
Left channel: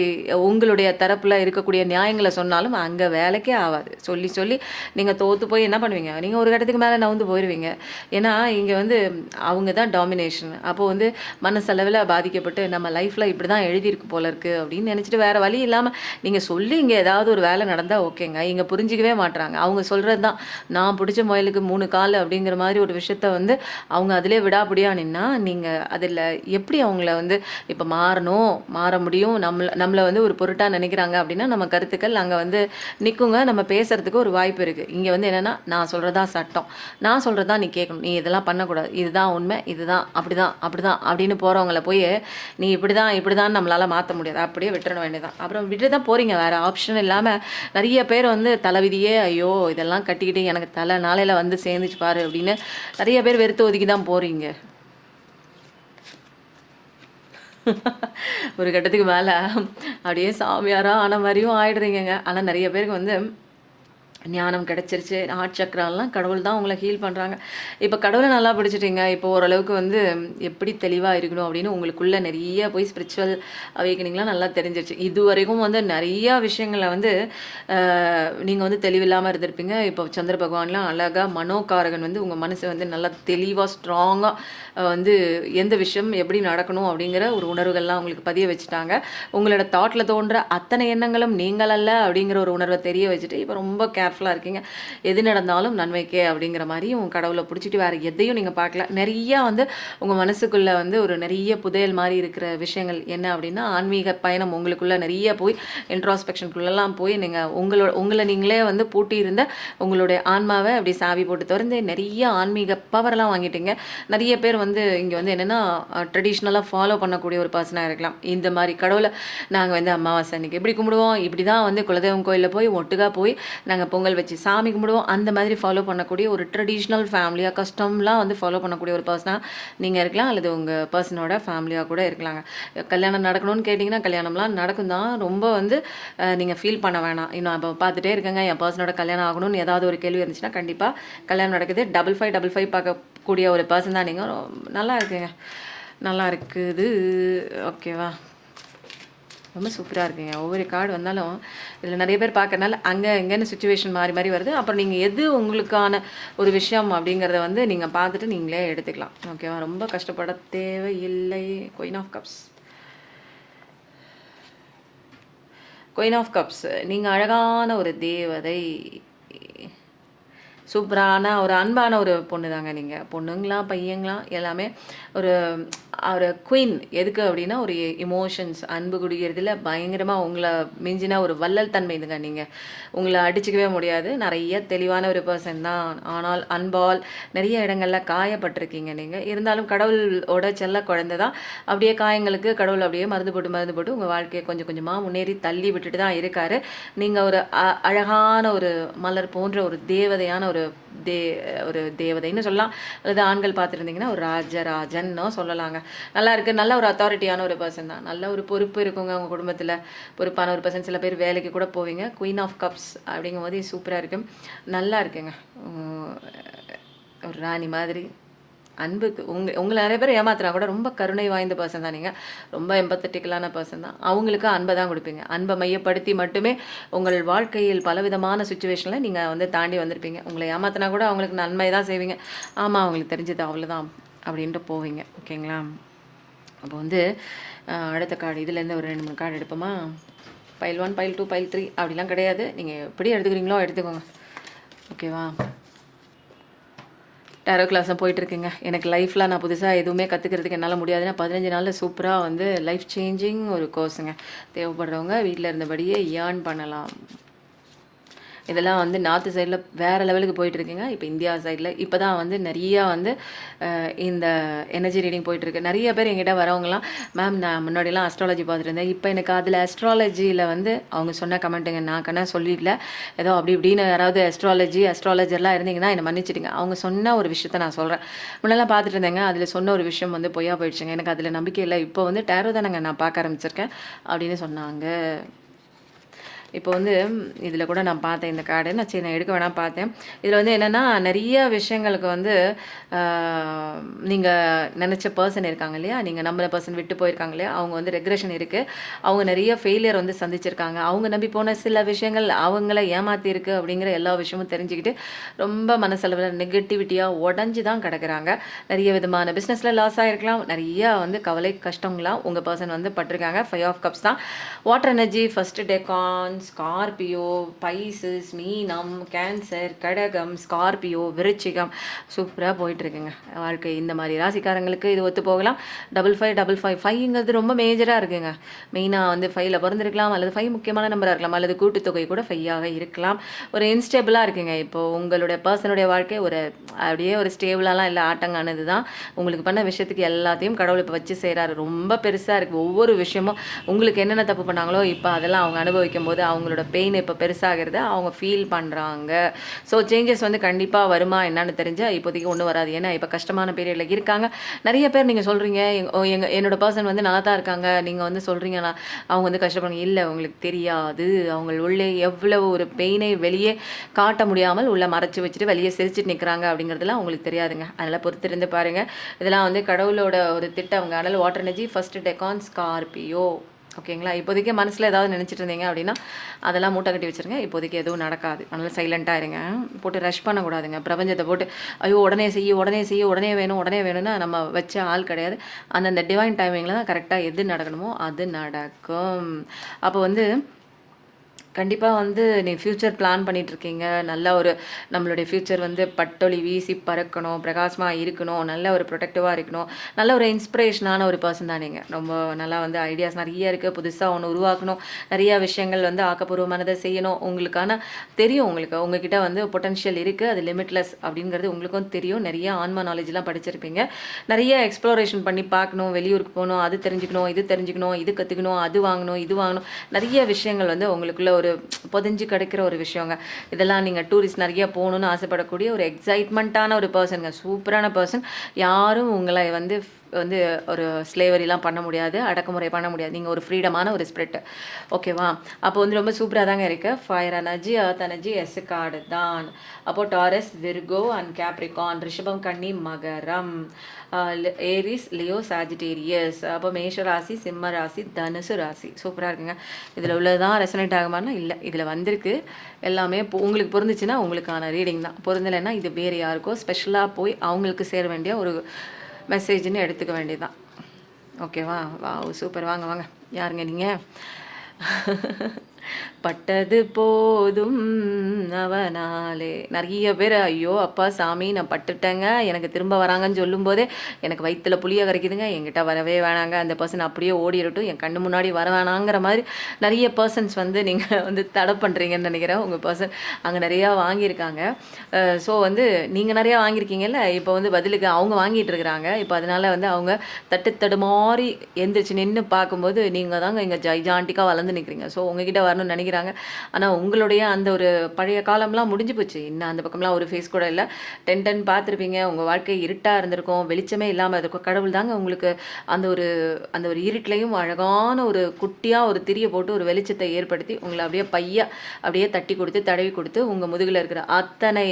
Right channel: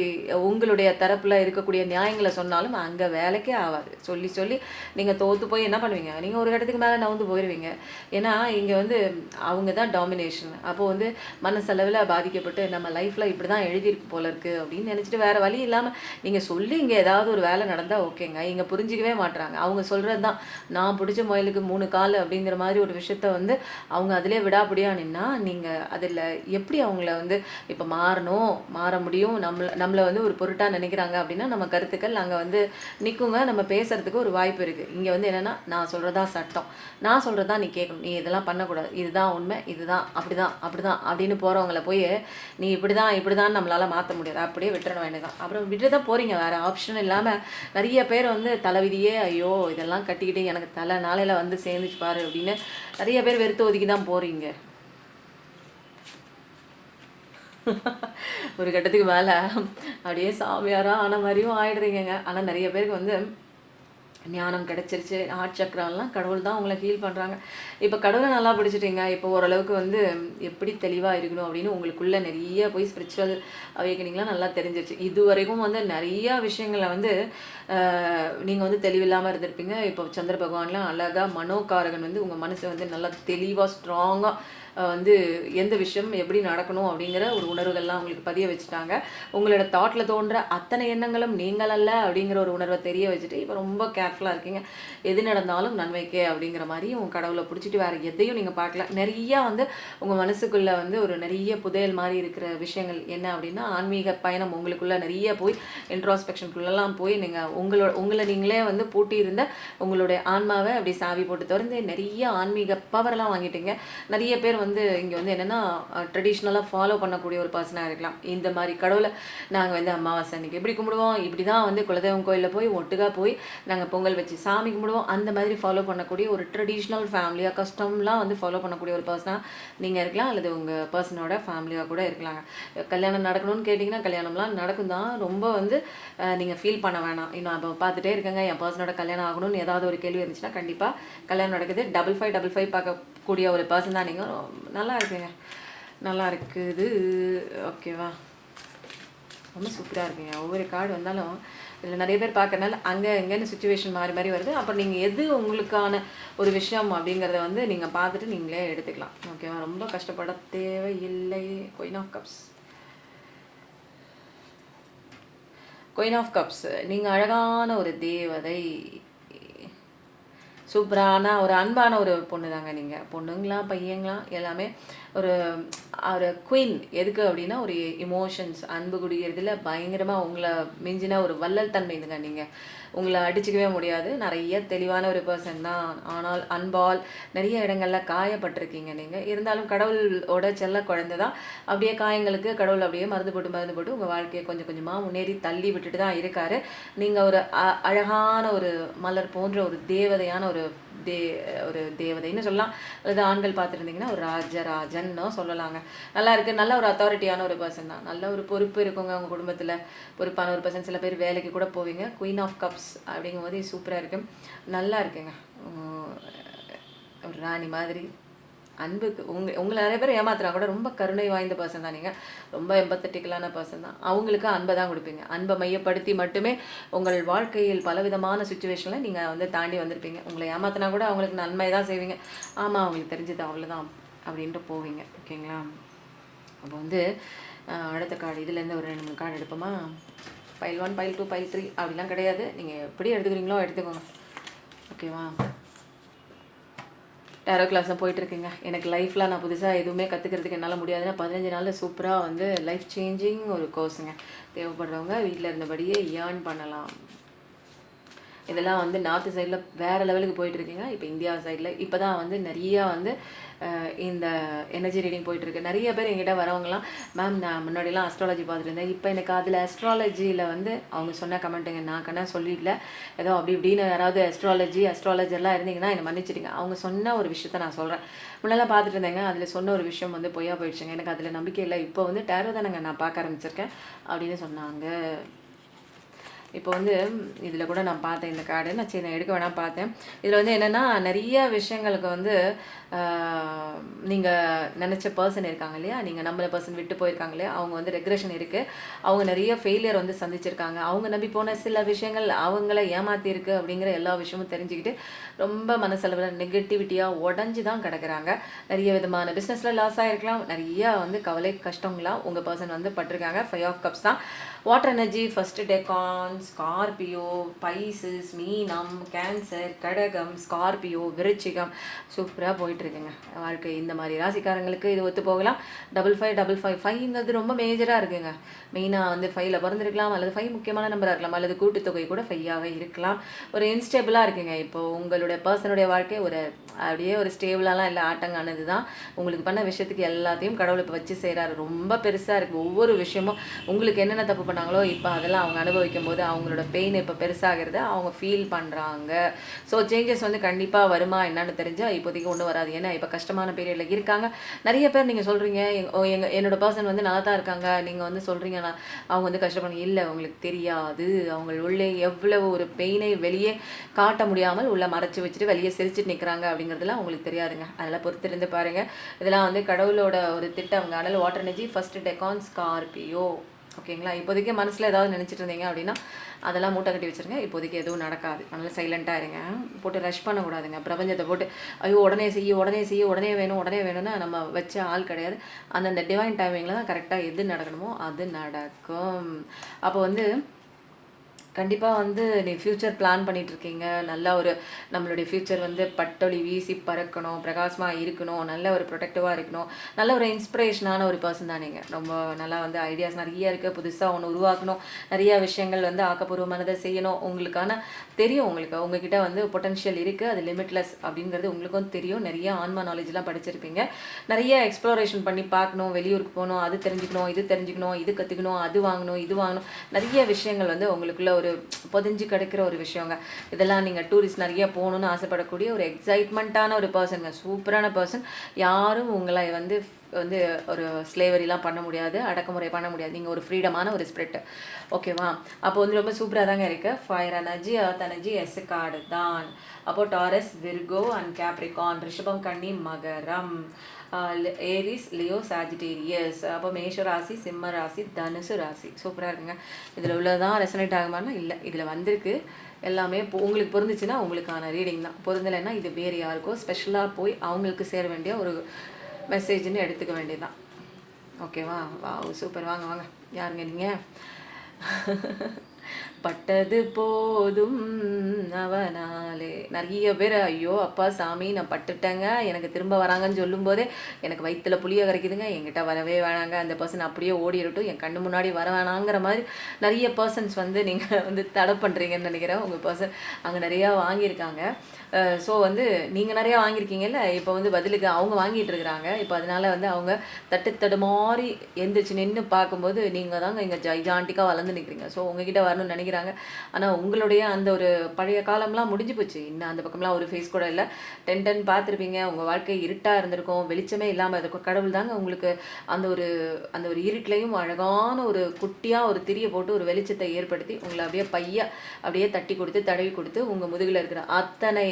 உங்களுடைய தரப்பில் இருக்கக்கூடிய நியாயங்களை சொன்னாலும் அங்கே வேலைக்கே ஆகாது. சொல்லி சொல்லி நீங்கள் தோற்று போய் என்ன பண்ணுவீங்க, நீங்கள் ஒரு கட்டத்துக்கு மேலே நவுந்து போயிடுவீங்க. ஏன்னா இங்கே வந்து அவங்க தான் டாமினேஷன். அப்போது வந்து மனசளவில் பாதிக்கப்பட்டு நம்ம லைஃப்பில் இப்படி தான் எழுதியிருக்கு போல இருக்குது அப்படின்னு நினச்சிட்டு வேறு வழி இல்லாமல் நீங்கள் சொல்லி இங்கே ஏதாவது ஒரு வேலை நடந்தால் ஓகேங்க. இங்கே புரிஞ்சிக்கவே மாட்டுறாங்க. அவங்க சொல்கிறது தான் நான் பிடிச்ச முயலுக்கு 3 கால் அப்படிங்கிற மாதிரி ஒரு விஷயத்த வந்து அவங்க அதிலே விடாப்பிடியாக நின்னா நீங்கள் அதில் எப்படி அவங்கள வந்து இப்போ மாறணும், மாற முடியும், நம்மளை வந்து ஒரு பொருட்டாக நினைக்கிறாங்க அப்படின்னா நம்ம கருத்துக்கள் அங்கே வந்து நிற்குங்க. நம்ம பேசுகிறதுக்கு ஒரு வாய்ப்பு இருக்குது. இங்கே வந்து என்னென்னா நான் சொல்கிறதா சட்டம், நான் சொல்கிறதா நீ கேட்கணும், நீ இதெல்லாம் பண்ணக்கூடாது, இதுதான் உண்மை, இதுதான் அப்படி தான் அப்படின்னு போகிறவங்கள போய் நீ இப்படி தான் நம்மளால் மாற்ற முடியாது, அப்படியே விட்டுற வேண்டியதான். அப்புறம் விட்டு தான் போகிறீங்க, வேறு ஆப்ஷன் இல்லாமல். நிறைய பேர் வந்து தலைவிதியே ஐயோ இதெல்லாம் கட்டிக்கிட்டு எனக்கு தலை நாளையில் வந்து சேர்ந்துச்சு பாரு அப்படின்னு நிறைய பேர் வெறுத்து ஒதுக்கி தான் போகிறீங்க. ஒரு கட்டத்துக்கு மேலே அப்படியே சாமியாராக ஆன மாதிரியும் ஆயிடுறீங்க. ஆனால் நிறைய பேருக்கு வந்து ஞானம் கிடச்சிருச்சு, ஹார்ட் சக்கராலாம் கடவுள் தான் உங்களை ஹீல் பண்ணுறாங்க. இப்போ கடவுளை நல்லா படிச்சுட்டீங்க. இப்போ ஓரளவுக்கு வந்து எப்படி தெளிவாக இருக்கணும் அப்படின்னு உங்களுக்குள்ளே நிறைய போய் ஸ்பிரிச்சுவல் அவேக்கனிங்லாம் நல்லா தெரிஞ்சிருச்சு. இது வரைக்கும் வந்து நிறையா விஷயங்களில் வந்து நீங்கள் வந்து தெளிவில்லாமல் இருந்திருப்பீங்க. இப்போ சந்திர பகவான்லாம் அழகாக மனோகாரகன் வந்து உங்கள் மனசை வந்து நல்லா தெளிவாக ஸ்ட்ராங்காக வந்து எந்த விஷயம் எப்படி நடக்கணும் அப்படிங்கிற ஒரு உணர்வுகள்லாம் உங்களுக்கு பதிய வச்சுட்டாங்க. உங்களோட தாட்டில் தோன்ற அத்தனை எண்ணங்களும் நீங்கள் அல்ல அப்படிங்கிற ஒரு உணர்வை தெரிய வச்சுட்டு இப்போ ரொம்ப கேர்ஃபுல்லாக இருக்கீங்க. எது நடந்தாலும் நன்மைக்கே அப்படிங்கிற மாதிரி உங்கள் கடவுளை பிடிச்சிட்டு வேறு எதையும் நீங்கள் பார்க்கல. நிறையா வந்து உங்கள் மனசுக்குள்ளே வந்து ஒரு நிறைய புதையல் மாதிரி இருக்கிற விஷயங்கள் என்ன அப்படின்னா, ஆன்மீக பயணம் உங்களுக்குள்ளே நிறைய போய் இன்ட்ராஸ்பெக்ஷனுக்குள்ளெல்லாம் போய் நீங்கள் உங்களை நீங்களே வந்து பூட்டி இருந்த உங்களுடைய ஆன்மாவை அப்படி சாவி போட்டு திறந்து நிறைய ஆன்மீக பவரெல்லாம் வாங்கிட்டீங்க. நிறைய பேர் வந்து இங்கே வந்து என்னென்னா ட்ரெடிஷ்னலாக ஃபாலோ பண்ணக்கூடிய ஒரு பர்சனாக இருக்கலாம். இந்த மாதிரி கடவுளை நாங்கள் வந்து அமாவாசை அன்றைக்கி எப்படி கும்பிடுவோம், இப்படி தான் வந்து குலதெய்வம் கோயிலில் போய் ஒட்டுக்காக போய் நாங்கள் பொங்கல் வச்சு சாமி கும்பிடுவோம், அந்த மாதிரி ஃபாலோ பண்ணக்கூடிய ஒரு ட்ரெடிஷ்னல் ஃபேமிலியாக கஸ்டம்லாம் வந்து ஃபாலோ பண்ணக்கூடிய ஒரு பர்சனாக நீங்கள் இருக்கலாம். அல்லது உங்கள் பர்சனோட ஃபேமிலியாக கூட இருக்கலாங்க. கல்யாணம் நடக்கணும்னு கேட்டிங்கன்னா கல்யாணம்லாம் நடக்கும் தான். ரொம்ப வந்து நீங்கள் ஃபீல் பண்ண வேணாம். இன்னும் அப்போ பார்த்துட்டே இருக்கங்க என் பர்சனோட கல்யாணம் ஆகணும்னு ஏதாவது ஒரு கேள்வி இருந்துச்சுன்னா கண்டிப்பாக கல்யாணம் நடக்குது. 5555 பார்க்கக்கூடிய ஒரு பர்சன் தான் நீங்கள். நல்லா இருக்குங்க, நல்லா இருக்குது. ஓகேவா, ரொம்ப சூப்பராக இருக்குங்க. ஒவ்வொரு கார்டு வந்தாலும் இதில் நிறைய பேர் பார்க்கறனால அங்கே எங்கேன்னு சுச்சுவேஷன் மாறி மாறி வருது. அப்புறம் நீங்கள் எது உங்களுக்கான ஒரு விஷயம் அப்படிங்கிறத வந்து நீங்கள் பார்த்துட்டு நீங்களே எடுத்துக்கலாம். ஓகேவா, ரொம்ப கஷ்டப்பட தேவையில்லை. Queen of cups, queen of cups, நீங்கள் அழகான ஒரு தேவதை, சூப்பரான ஒரு அன்பான ஒரு பொண்ணு தாங்க. நீங்கள் பொண்ணுங்களா பையங்களா எல்லாமே ஒரு குயின். எதுக்கு அப்படின்னா ஒரு எமோஷன்ஸ், அன்பு குடிக்கிறதுல பயங்கரமாக உங்களை மிஞ்சின ஒரு வள்ளல் தன்மை இதுங்க. நீங்கள் உங்களை அடிச்சுக்கவே முடியாது. நிறைய தெளிவான ஒரு பர்சன் தான். ஆனால் அன்பால் நிறைய இடங்களில் காயப்பட்டிருக்கீங்க நீங்கள். இருந்தாலும் கடவுளோட செல்ல குழந்தை தான். அப்படியே காயங்களுக்கு கடவுள் அப்படியே மருந்து போட்டு உங்கள் வாழ்க்கையை கொஞ்சம் கொஞ்சமாக முன்னேறி தள்ளி விட்டுட்டு தான் இருக்கார். நீங்கள் ஒரு அழகான ஒரு மலர் போன்ற ஒரு தேவதையான ஒரு தேவதைன்னு சொல்லலாம். அல்லது ஆண்கள் பார்த்துருந்தீங்கன்னா ஒரு ராஜராஜன்னோ சொல்லலாங்க. நல்லா இருக்குது. நல்ல ஒரு அத்தாரிட்டியான ஒரு பர்சன் தான். நல்ல ஒரு பொறுப்பு இருக்குங்க உங்கள் குடும்பத்தில். பொறுப்பான ஒரு பர்சன். சில பேர் வேலைக்கு கூட போவீங்க. குயின் ஆஃப் கப்ஸ் அப்படிங்கும் போது சூப்பராக இருக்குது. நல்லா இருக்குங்க. ஒரு ராணி மாதிரி அன்புக்கு உங்கள நிறைய பேர் ஏமாத்துனா கூட ரொம்ப கருணை வாய்ந்த பர்சன் தான் நீங்கள். ரொம்ப எம்பத்தட்டிக்கலான பர்சன் தான். அவங்களுக்கு அன்பை தான் கொடுப்பீங்க. அன்பை மையப்படுத்தி மட்டுமே உங்கள் வாழ்க்கையில் பலவிதமான சுச்சுவேஷனில் நீங்கள் வந்து தாண்டி வந்திருப்பீங்க. உங்களை ஏமாத்தினா கூட அவங்களுக்கு நன்மை தான் செய்வீங்க. ஆமாம் அவங்களுக்கு தெரிஞ்சது அவ்வளோதான் அப்படின்ட்டு போவீங்க. ஓகேங்களா? அப்போ வந்து அடுத்த கார்டு இதுலேருந்து ஒரு 2 3 கார்டு எடுப்போமா? பைல் 1 பைல் 2 பைல் 3 அப்படிலாம் கிடையாது. நீங்கள் எப்படி எடுத்துக்கிறீங்களோ எடுத்துக்கோங்க. ஓகேவா? டேரோ கிளாஸ் தான் போயிட்டுருக்குங்க. எனக்கு லைஃப்பில் நான் புதுசாக எதுவுமே கற்றுக்கிறதுக்கு என்னால் முடியாதுன்னா 15 நாளில் சூப்பராக வந்து லைஃப் சேஞ்சிங் ஒரு கோர்ஸுங்க. தேவைப்படுறவங்க வீட்டில் இருந்தபடியே ஏர்ன் பண்ணலாம். இதெல்லாம் வந்து நார்த்து சைடில் வேறு லெவலுக்கு போயிட்டுருக்குங்க. இப்போ இந்தியா சைடில் இப்போ தான் வந்து நிறையா வந்து இந்த எனர்ஜி ரீடிங் போயிட்டுருக்கு. நிறைய பேர் எங்கிட்ட வரவங்களாம், மேம் நான் முன்னாடிலாம் அஸ்ட்ராலஜி பார்த்துட்டு இருந்தேன், இப்போ எனக்கு அதில் அஸ்ட்ராலஜியில் வந்து அவங்க சொன்ன கமெண்ட்டுங்க நான் கண்ணா சொல்லிடல, ஏதோ அப்படி இப்படின்னு யாராவது அஸ்ட்ராலஜர்லாம் இருந்தீங்கன்னா என்னை மன்னிச்சிடுங்க. அவங்க சொன்ன ஒரு விஷயத்த நான் சொல்கிறேன். முன்னெல்லாம் பார்த்துட்டு இருந்தேங்க, அதில் சொன்ன ஒரு விஷயம் வந்து பொய்யா போயிடுச்சுங்க. எனக்கு அதில் நம்பிக்கை இல்லை. இப்போ வந்து டேரோ தானங்க நான் பார்க்க ஆரம்பிச்சிருக்கேன் அப்படின்னு சொன்னாங்க. இப்போ வந்து இதில் கூட நான் பார்த்தேன் இந்த கார்டு. நான் எடுக்க வேணாம் பார்த்தேன். இதில் வந்து என்னென்னா நிறைய விஷயங்களுக்கு வந்து நீங்கள் நினச்ச பர்சன் இருக்காங்க இல்லையா, நீங்கள் நம்பின பர்சன் விட்டு போயிருக்காங்க இல்லையா, அவங்க வந்து ரெக்ரெஷன் இருக்குது. அவங்க நிறைய ஃபெயிலியர் வந்து சந்திச்சிருக்காங்க. அவங்க நம்பி போன சில விஷயங்கள் அவங்கள ஏமாற்றிருக்கு அப்படிங்கிற எல்லா விஷயமும் தெரிஞ்சுக்கிட்டு ரொம்ப மனசளவில் நெகட்டிவிட்டியாக உடஞ்சி தான் கிடக்குறாங்க. நிறைய விதமான பிஸ்னஸில் லாஸ் ஆகிருக்கலாம். நிறையா வந்து கவலை கஷ்டங்களாம் உங்கள் பர்சன் வந்து பட்டிருக்காங்க. 5 ஆஃப் கப்ஸ் தான். Water energy first Deccan, Scorpio, Pisces, மீனம், கேன்சர், கடகம், ஸ்கார்பியோ, விருச்சிகம் சூப்பராக போயிட்டுருக்குங்க வாழ்க்கை. இந்த மாதிரி ராசிக்காரங்களுக்கு இது ஒத்து போகலாம். 5555 5ங்கிறது ரொம்ப மேஜராக இருக்குங்க. மெயினாக வந்து 5ல் பிறந்திருக்கலாம், அல்லது 5 முக்கியமான நம்பராக இருக்கலாம், அல்லது கூட்டுத்தொகை கூட 5ஆக இருக்கலாம். ஒரு இன்ஸ்டேபிளாக இருக்குங்க. இப்போது உங்களுடைய பர்சனுடைய வாழ்க்கை ஒரு அப்படியே ஒரு ஸ்டேபிளாலாம் இல்லை, ஆட்டங்கானது தான். உங்களுக்கு பண்ண விஷயத்துக்கு எல்லாத்தையும் கடவுள் இப்போ வச்சு செய்கிறாரு. ரொம்ப பெருசாக இருக்குது. ஒவ்வொரு விஷயமும் உங்களுக்கு என்னென்ன தப்பு பண்ணாங்களோ இப்போ அதெல்லாம் அவங்க அனுபவிக்கும் போது அவங்களோட பெயின் இப்போ பெருசாகிறது அவங்க ஃபீல் பண்ணுறாங்க. ஸோ சேஞ்சஸ் வந்து கண்டிப்பாக வருமா என்னன்னு தெரிஞ்சால் இப்போதைக்கு ஒன்றும் வராது. ஏன்னா இப்போ கஷ்டமான பீரியடில் இருக்காங்க. நிறைய பேர் நீங்கள் சொல்கிறீங்க என்னோட பர்சன் வந்து நல்லா தான் இருக்காங்க, நீங்கள் வந்து சொல்கிறீங்கன்னா அவங்க வந்து கஷ்டப்படுங்க. இல்லை, உங்களுக்கு தெரியாது அவங்க உள்ளே எவ்வளோ ஒரு பெயினை வெளியே காட்ட முடியாமல் உள்ளே மறைச்சி வச்சுட்டு வெளியே சிரிச்சுட்டு நிற்கிறாங்க அப்படிங்கிறதுலாம் உங்களுக்கு தெரியாதுங்க. அதனால் பொறுத்திருந்து பாருங்கள். இதெல்லாம் வந்து கடவுளோட ஒரு திட்டம்ங்க. அதனால் water energy first Deccan Scorpio. ஓகேங்களா? இப்போதைக்கு மனசில் ஏதாவது நினச்சிட்டு இருந்தீங்க அப்படின்னா அதெல்லாம் மூட்டை கட்டி வச்சுருங்க. இப்போதைக்கு எதுவும் நடக்காது. அதனால் சைலண்ட்டாக இருங்க. போட்டு ரஷ் பண்ணக்கூடாதுங்க. பிரபஞ்சத்தை போட்டு ஐயோ உடனே செய்ய உடனே வேணும்னா நம்ம வச்ச ஆள் கிடையாது. அந்தந்த டிவைன் டைமிங்கில் தான் கரெக்டாக எது நடக்கணுமோ அது நடக்கும். அப்போ வந்து கண்டிப்பாக வந்து நீ ஃப்யூச்சர் பிளான் பண்ணிகிட்ருக்கீங்க. நல்ல ஒரு நம்மளுடைய ஃப்யூச்சர் வந்து பட்டொளி வீசி பறக்கணும், பிரகாசமாக இருக்கணும், நல்ல ஒரு ப்ரொடெக்டிவாக இருக்கணும், நல்ல ஒரு இன்ஸ்பிரேஷனான ஒரு பர்சன் தான் நீங்கள். ரொம்ப நல்லா வந்து ஐடியாஸ் நிறைய இருக்குது. புதுசாக ஒன்று உருவாக்கணும், நிறையா விஷயங்கள் வந்து ஆக்கப்பூர்வமானதை செய்யணும். உங்களுக்கான தெரியும், உங்ககிட்ட வந்து பொட்டன்ஷியல் இருக்குது, அது லிமிட்லெஸ் அப்படிங்கிறது உங்களுக்கும் தெரியும். நிறைய ஆன்மா நாலேஜ்லாம் படிச்சிருப்பீங்க. நிறைய எக்ஸ்ப்ளோரேஷன் பண்ணி பார்க்கணும், வெளியூருக்கு போகணும், அது தெரிஞ்சுக்கணும், இது கற்றுக்கணும், அது வாங்கணும், இது வாங்கணும். நிறைய விஷயங்கள் வந்து உங்களுக்குள்ள ஒரு பொதிஞ்சு கிடைக்கிற ஒரு விஷயங்க. இதெல்லாம் நீங்கள் டூரிஸ்ட் நிறைய போகணுன்னு ஆசைப்படக்கூடிய ஒரு எக்ஸைட்மெண்ட்டான ஒரு பர்சனுங்க. சூப்பரான பர்சன். யாரும் உங்களை வந்து ஒரு ஸ்லேவரிலாம் பண்ண முடியாது, அடக்குமுறை பண்ண முடியாது. நீங்கள் ஒரு ஃப்ரீடமான ஒரு ஸ்பிரிட். ஓகேவா? அப்போ வந்து ரொம்ப சூப்பராக தாங்க இருக்கு. Fire energy, earth energy, yes card தான். அப்போது டாரஸ், விர்கோ அண்ட் கேப்ரிகான், ரிஷபம், கன்னி, மகரம், ஏரிஸ், லியோ, சாஜிடேரியஸ். அப்போ மேஷ ராசி, சிம்ம ராசி, தனுசு ராசி. சூப்பராக இருக்குங்க. இதில் உள்ளதான் ரெசனேட் ஆகுமானா இல்லை, இதில் வந்திருக்கு எல்லாமே. உங்களுக்கு பொருந்துச்சுன்னா உங்களுக்கான ரீடிங் தான். பொருந்தலைன்னா இது வேறு யாருக்கோ ஸ்பெஷலாக போய் அவங்களுக்கு சேர வேண்டிய ஒரு மெசேஜ்னு எடுத்துக்க வேண்டியதுதான். ஓகேவா? வா சூப்பர். வாங்க யாருங்க நீங்கள்? பட்டது போதும் அவனாலே. நிறைய பேர் ஐயோ அப்பா சாமி நான் பட்டுட்டேங்க, எனக்கு திரும்ப வராங்கன்னு சொல்லும்போதே எனக்கு வயிற்றுல புளிய கரைக்குதுங்க, என்கிட்ட வரவே வேணாங்க, அந்த பர்சன் அப்படியே ஓடிடட்டும், என் கண்ணு முன்னாடி வர வேணாங்கிற மாதிரி நிறைய பர்சன்ஸ் வந்து நீங்கள் வந்து தடை பண்ணுறீங்கன்னு நினைக்கிறேன். உங்கள் பர்சன் அங்கே நிறையா வாங்கியிருக்காங்க. ஸோ வந்து நீங்கள் நிறையா வாங்கியிருக்கீங்கல்ல, இப்போ வந்து பதிலுக்கு அவங்க வாங்கிட்டு இருக்கிறாங்க. இப்போ அதனால் வந்து அவங்க தட்டு தடுமாறி எந்திரிச்சு நின்று பார்க்கும்போது நீங்கள் தாங்க இங்கே ஜைஜாண்டிக்காக வளர்ந்து நிற்கிறீங்க. ஸோ உங்ககிட்ட வரணும்னு நினைக்கிறாங்க. ஆனால் உங்களுடைய அந்த ஒரு பழைய காலம்லாம் முடிஞ்சு போச்சு. இன்னும் அந்த பக்கம்லாம் ஒரு ஃபேஸ் கூட இல்லை. 10 பார்த்துருப்பீங்க. உங்கள் வாழ்க்கை இருட்டாக இருந்திருக்கும், வெளிச்சமே இல்லாமல் இருக்கும். கடவுள் தாங்க உங்களுக்கு அந்த ஒரு அந்த ஒரு இருட்டிலையும் அழகான ஒரு குட்டியாக ஒரு திரியை போட்டு ஒரு வெளிச்சத்தை ஏற்படுத்தி உங்களை அப்படியே அப்படியே தட்டி கொடுத்து தடவி கொடுத்து உங்கள் முதுகில் இருக்கிற அத்தனை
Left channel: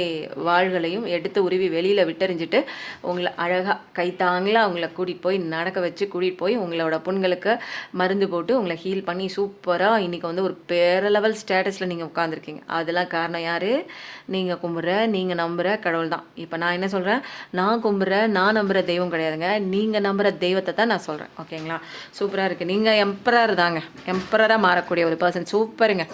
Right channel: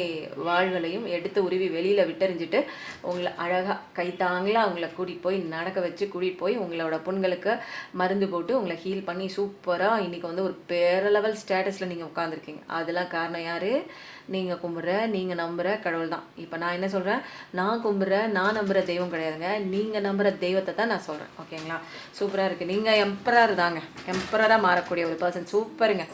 வாள்களையும் எடுத்து உருவி வெளியில் விட்டறிஞ்சிட்டு உங்களை அழகாக கைத்தாங்களாக உங்களை கூட்டிகிட்டு போய் நடக்க வச்சு கூட்டிகிட்டு போய் உங்களோட புண்களுக்கு மருந்து போட்டு உங்களை ஹீல் பண்ணி சூப்பராக இன்றைக்கி வந்து ஒரு பேர லெவல் ஸ்டேட்டஸில் நீங்கள் உட்காந்துருக்கீங்க. அதெல்லாம் காரணம் யார்? நீங்கள் கும்பிட்ற, நீங்கள் நம்புகிற கடவுள் தான். இப்போ நான் என்ன சொல்கிறேன், நான் கும்பிட்ற, நான் நம்புகிற தெய்வம் கிடையாதுங்க. நீங்கள் நம்புகிற தெய்வத்தை தான் நான் சொல்கிறேன். ஓகேங்களா? சூப்பராக இருக்குது. நீங்கள் எம்பரர் தாங்க, எம்பரராக மாறக்கூடிய ஒரு பர்சன். சூப்பருங்க.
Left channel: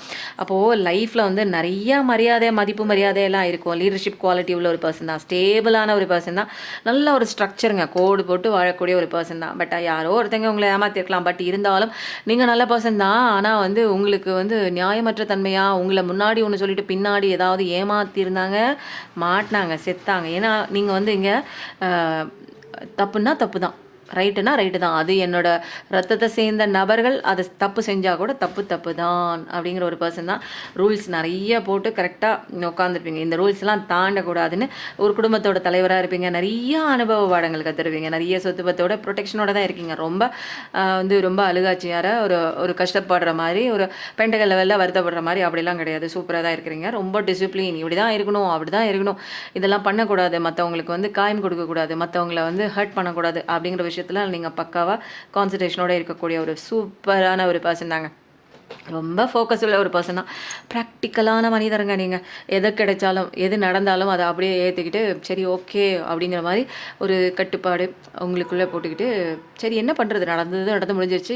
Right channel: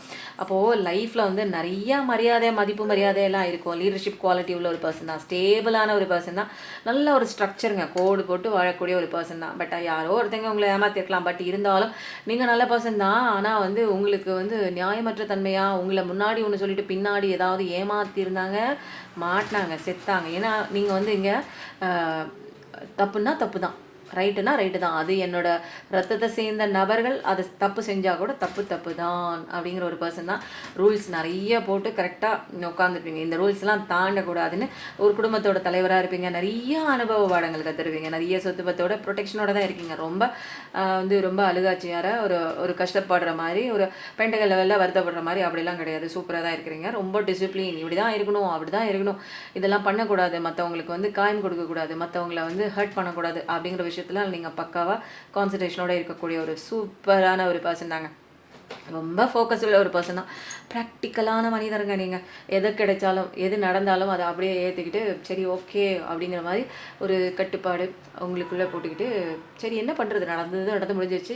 அப்போது லைஃப்பில் வந்து நிறையா மரியாதை, மதிப்பு மரியாதையெல்லாம் இருக்கும். லீடர்ஷிப் குவாலிட்டி உள்ள ஒரு பர்சன் தான், ஸ்டேபிளான ஒரு பர்சன் தான், நல்ல ஒரு ஸ்ட்ரக்சருங்க, கோடு போட்டு வாழக்கூடிய ஒரு பர்சன் தான். பட் யாரோ ஒருத்தங்க உங்களை ஏமாற்றிருக்கலாம். பட் இருந்தாலும் நீங்கள் நல்ல பர்சன் தான். ஆனால் வந்து உங்களுக்கு வந்து நியாயமற்ற தன்மையாக உங்களை முன்னாடி ஒன்று சொல்லிட்டு பின்னாடி ஏதாவது ஏமாற்றிருந்தாங்க, மாட்டினாங்க, செத்தாங்க. ஏன்னா நீங்கள் வந்து இங்கே தப்புன்னா தப்பு தான், ரைட்டுனா ரைட்டு தான். அது என்னோட ரத்தத்தை சேர்ந்த நபர்கள் அதை தப்பு செஞ்சால் கூட தப்பு தான் அப்படிங்கிற ஒரு பர்சன் தான். ரூல்ஸ் நிறைய போட்டு கரெக்டாக உட்காந்துருப்பீங்க. இந்த ரூல்ஸ்லாம் தாண்டக்கூடாதுன்னு ஒரு குடும்பத்தோட தலைவராக இருப்பீங்க. நிறைய அனுபவ பாடங்கள் கற்றுருவீங்க. நிறைய சொத்துபத்தோட ப்ரொடெக்ஷனோட தான் இருக்கீங்க. ரொம்ப வந்து ரொம்ப அழுகாட்சியார ஒரு கஷ்டப்படுற மாதிரி, ஒரு பெண்டகல் லெவலில் வருத்தப்படுற மாதிரி அப்படிலாம் கிடையாது. சூப்பராக தான் இருக்கிறீங்க. ரொம்ப டிசிப்ளின், இப்படி தான் இருக்கணும், அப்படி தான் இருக்கணும், இதெல்லாம் பண்ணக்கூடாது, மற்றவங்களுக்கு வந்து காயம் கொடுக்கக்கூடாது, மற்றவங்களை வந்து ஹர்ட் பண்ணக்கூடாது அப்படிங்கிற விஷயம் நீங்கள் பக்காவாக கான்சன்ட்ரேஷனோட இருக்கக்கூடிய ஒரு சூப்பரான ஒரு பர்சன் தாங்க. ரொம்ப ஃபோக்கஸ் உள்ள ஒரு பர்சன் தான். ப்ராக்டிக்கலான மனிதருங்க நீங்கள். எது கிடைச்சாலும் எது நடந்தாலும் அதை அப்படியே ஏற்றுக்கிட்டு சரி ஓகே அப்படிங்கிற மாதிரி ஒரு கட்டுப்பாடு உங்களுக்குள்ளே போட்டுக்கிட்டு சரி என்ன பண்ணுறது, நடந்து முடிஞ்சிருச்சு,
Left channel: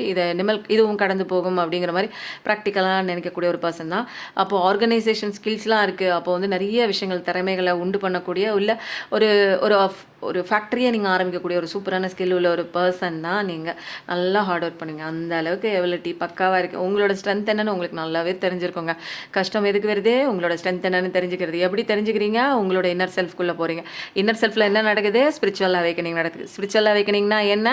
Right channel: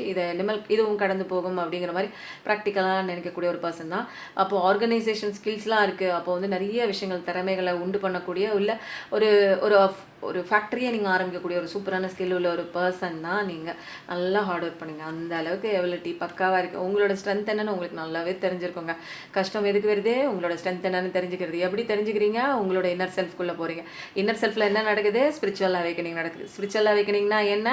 இதுவும் கடந்து போகும் அப்படிங்கிற மாதிரி ப்ராக்டிக்கலாக நினைக்கக்கூடிய ஒரு பர்சன் தான். அப்போது ஆர்கனைசேஷன் ஸ்கில்ஸ்லாம் இருக்குது. அப்போது வந்து நிறைய விஷயங்கள் திறமைகளை உண்டு பண்ணக்கூடிய உள்ள ஒரு ஒரு ஒரு ஃபேக்ட்ரியை நீங்கள் ஆரம்பிக்கக்கூடிய ஒரு சூப்பரான ஸ்கில் உள்ள ஒரு பர்சன் தான் நீங்கள். நல்லா ஹார்ட் ஒர்க் பண்ணுங்க. அந்த அளவுக்கு எபிலிட்டி பக்காவாக இருக்குது. உங்களோட ஸ்ட்ரென்த் என்னன்னு உங்களுக்கு நல்லாவே தெரிஞ்சிருக்கோங்க. கஷ்டம் எதுக்கு வருது, உங்களோட ஸ்ட்ரென்த் என்னன்னு தெரிஞ்சுக்கிறது. எப்படி தெரிஞ்சுக்கிறீங்க? உங்களோட இன்னர் செல்ஃப்குள்ளே போகிறீங்க. இன்னர் செல்ஃபில் என்ன நடக்குது? ஸ்பிரிச்சுவல் அவேக்கனிங் நடக்குது. ஸ்பிரிச்சுவல் அவேக்கனிங்னா என்ன?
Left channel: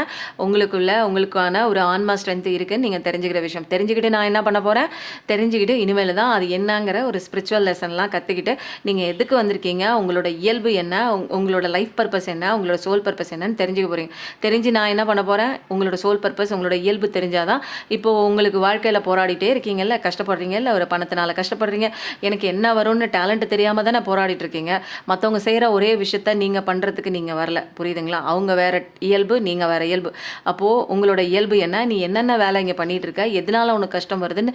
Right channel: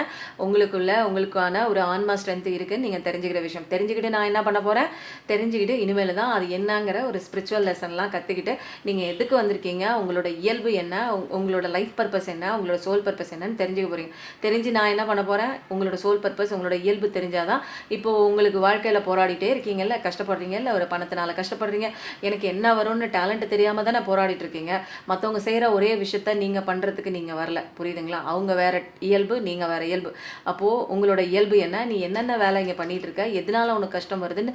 உங்களுக்கான ஒரு ஆன்மா ஸ்ட்ரென்த் இருக்குன்னு நீங்கள் தெரிஞ்சுக்கிற விஷயம். தெரிஞ்சுக்கிட்டு நான் என்ன பண்ண போகிறேன், தெரிஞ்சுக்கிட்டு இனிமேல் தான் அது என்னங்கிற ஒரு ஸ்பிரிச்சுவல் லெசன்லாம் கற்றுக்கிட்டு நீங்கள் எதுக்கு வந்திருக்கீங்க, உங்களோட இயல்பு என்ன, உங்களோட லைஃப் பர்பஸ் என்ன, உங்களோட சோல் பர்பஸ் என்னன்னு தெரிஞ்சுக்க போகிறீங்க. தெரிஞ்சு நான் என்ன பண்ண போகிறேன், உங்களோட சோல் பர்பஸ், உங்களோட இயல்பு தெரிஞ்சாதான் இப்போது உங்களுக்கு வாழ்க்கையில் போராடிட்டே இருக்கீங்கல்ல, கஷ்டப்படுறீங்கல்ல, ஒரு பணத்தினால கஷ்டப்படுறீங்க, எனக்கு என்ன வரும்னு டேலண்ட் தெரியாமல் தானே போராடிட்டு இருக்கீங்க. மற்றவங்க செய்கிற ஒரே விஷயத்த நீங்கள் பண்ணுறதுக்கு நீங்கள் வரல, புரியுதுங்களா? அவங்க வேறு இயல்பு, நீங்கள் வேறு இயல்பு. அப்போது உங்களோட இயல்பு என்ன, நீ என்னென்ன வேலை இங்கே பண்ணிகிட்டு இருக்க, எதனால உனக்கு கஷ்டம் வருதுன்னு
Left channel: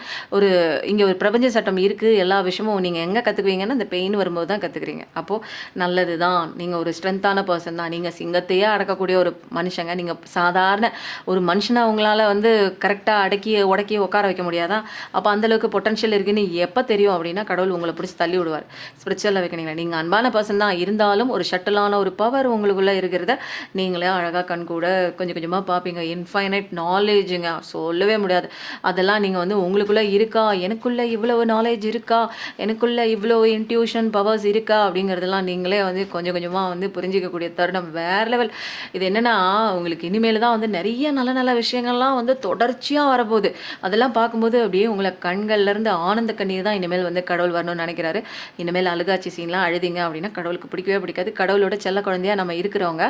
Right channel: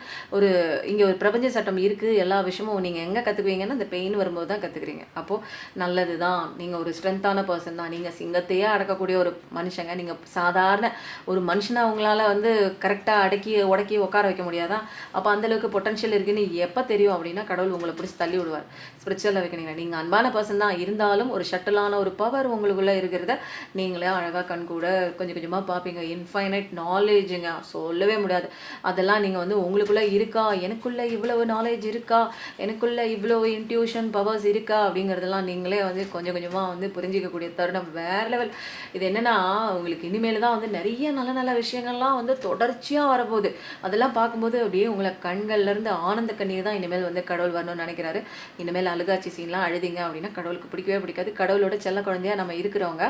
இங்கே ஒரு பிரபஞ்ச சட்டம் இருக்குது. எல்லா விஷயமும் நீங்கள் எங்கே கற்றுக்குவீங்கன்னா இந்த பெயின் வரும்போது தான் கற்றுக்குறீங்க. அப்போது நல்லது தான். நீங்கள் ஒரு ஸ்ட்ரென்த்தான பர்சன் தான். நீங்கள் சிங்கத்தையே அடக்கக்கூடிய ஒரு மனுஷங்க. நீங்கள் சாதாரண ஒரு மனுஷனை அவங்களால வந்து கரெக்டாக உடக்கி உட்கார வைக்க முடியாதான். அப்போ அந்தளவுக்கு பொட்டன்ஷியல் இருக்குன்னு எப்போ தெரியும் அப்படின்னா கடவுள் உங்களை பிடிச்சி தள்ளி விடுவார். ஸ்பிரிச்சுவல் வைக்கணுங்களா, நீங்கள் அன்பான பர்சன் தான், இருந்தாலும் ஒரு ஷட்டிலான ஒரு பவர் உங்களுக்குள்ளே இருக்கிறத நீங்களே அழகாக கண் கூட கொஞ்சம் கொஞ்சமாக பார்ப்பீங்க. இன்ஃபைனைட் நாலேஜுங்க, சொல்லவே முடியாது. அதெல்லாம் நீங்கள் வந்து உங்களுக்குள்ளே இருக்கா, எனக்குள்ளே இவ்வளோ நாலேஜ் இருக்கா, எனக்குள்ளே இவ்வளோ இன்ட்யூஷன் பவர்ஸ் இருக்கா அப்படிங்கிறதெல்லாம் நீங்களே வந்து கொஞ்சம் கொஞ்சமாக வந்து புரிஞ்சிக்கக்கூடிய தருணம் வேறு லெவல். இது என்னென்னா உங்களுக்கு இனிமேல் தான் வந்து நிறைய நல்ல நல்ல விஷயங்கள்லாம் வந்து தொடர்ச்சியாக வரப்போகுது. அதெல்லாம் பார்க்கும்போது அப்படியே உங்களை கண்கள்லேருந்து ஆனந்த கண்ணீர் தான் இனிமேல் வந்து கடவுள் வரணும்னு நினைக்கிறாரு. இனிமேல் அழுகாட்சி சீன்லாம் அழுதிங்க அப்படின்னா கடவுளுக்கு பிடிக்கவே பிடிக்காது. கடவுளோட செல்ல குழந்தையாக நம்ம இருக்கிறவங்க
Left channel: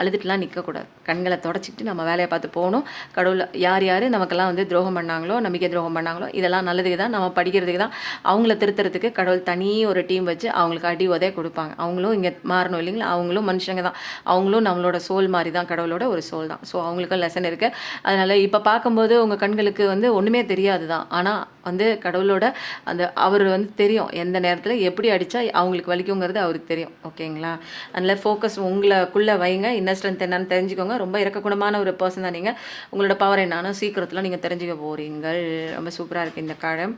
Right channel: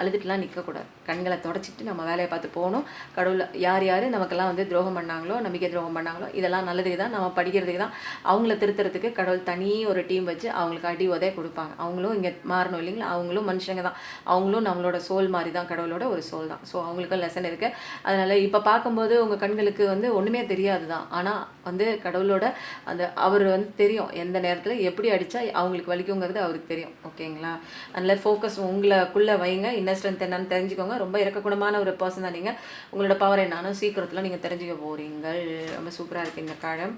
அழுதுட்டுலாம் நிற்கக்கூடாது. கண்களை தொடச்சிட்டு நம்ம வேலையை பார்த்து போகணும். கடவுள் யார் யார் நமக்கெல்லாம் வந்து துரோகம் பண்ணாங்களோ, நம்பிக்கை துரோகம் பண்ணாங்களோ, இதெல்லாம் நல்லதுக்கு தான், நம்ம படிக்கிறதுக்கு தான். அவங்கள திருத்துறதுக்கு கடவுள் தனி ஒரு டீம் வச்சு அவங்களுக்கு அடி உதவி கொடுப்பாங்க. அவங்களும் இங்கே மாறணும் இல்லைங்களா, அவங்களும் மனுஷங்க தான். அவங்களும் நம்மளோட சோல் மாதிரி தான், கடவுளோட ஒரு சோல் தான். ஸோ அவங்களுக்கும் லெசன் இருக்குது. அதனால் இப்போ பார்க்கும்போது உங்கள் கண்களுக்கு வந்து ஒன்றுமே தெரியாது தான். ஆனால் வந்து கடவுளோட அந்த அவர் வந்து தெரியும் எந்த நேரத்தில் எப்படி அடித்தா அவங்களுக்கு வலிக்குங்கிறது அவருக்கு தெரியும். ஓகேங்களா? அதனால் ஃபோக்கஸ் உங்களுக்குள்ளே வைங்க. இன்னர் ஸ்ட்ரென்த் என்னன்னு தெரிஞ்சுக்கோங்க. ரொம்ப இறக்கக்குணமான ஒரு பர்சன் தான் நீங்கள். உங்களோட பவர் என்னன்னு சீக்கிரத்தில் நீங்கள் தெரிஞ்சுக்க போகிறீங்கள். ரொம்ப சூப்பராக இருக்குது இந்த காலம்.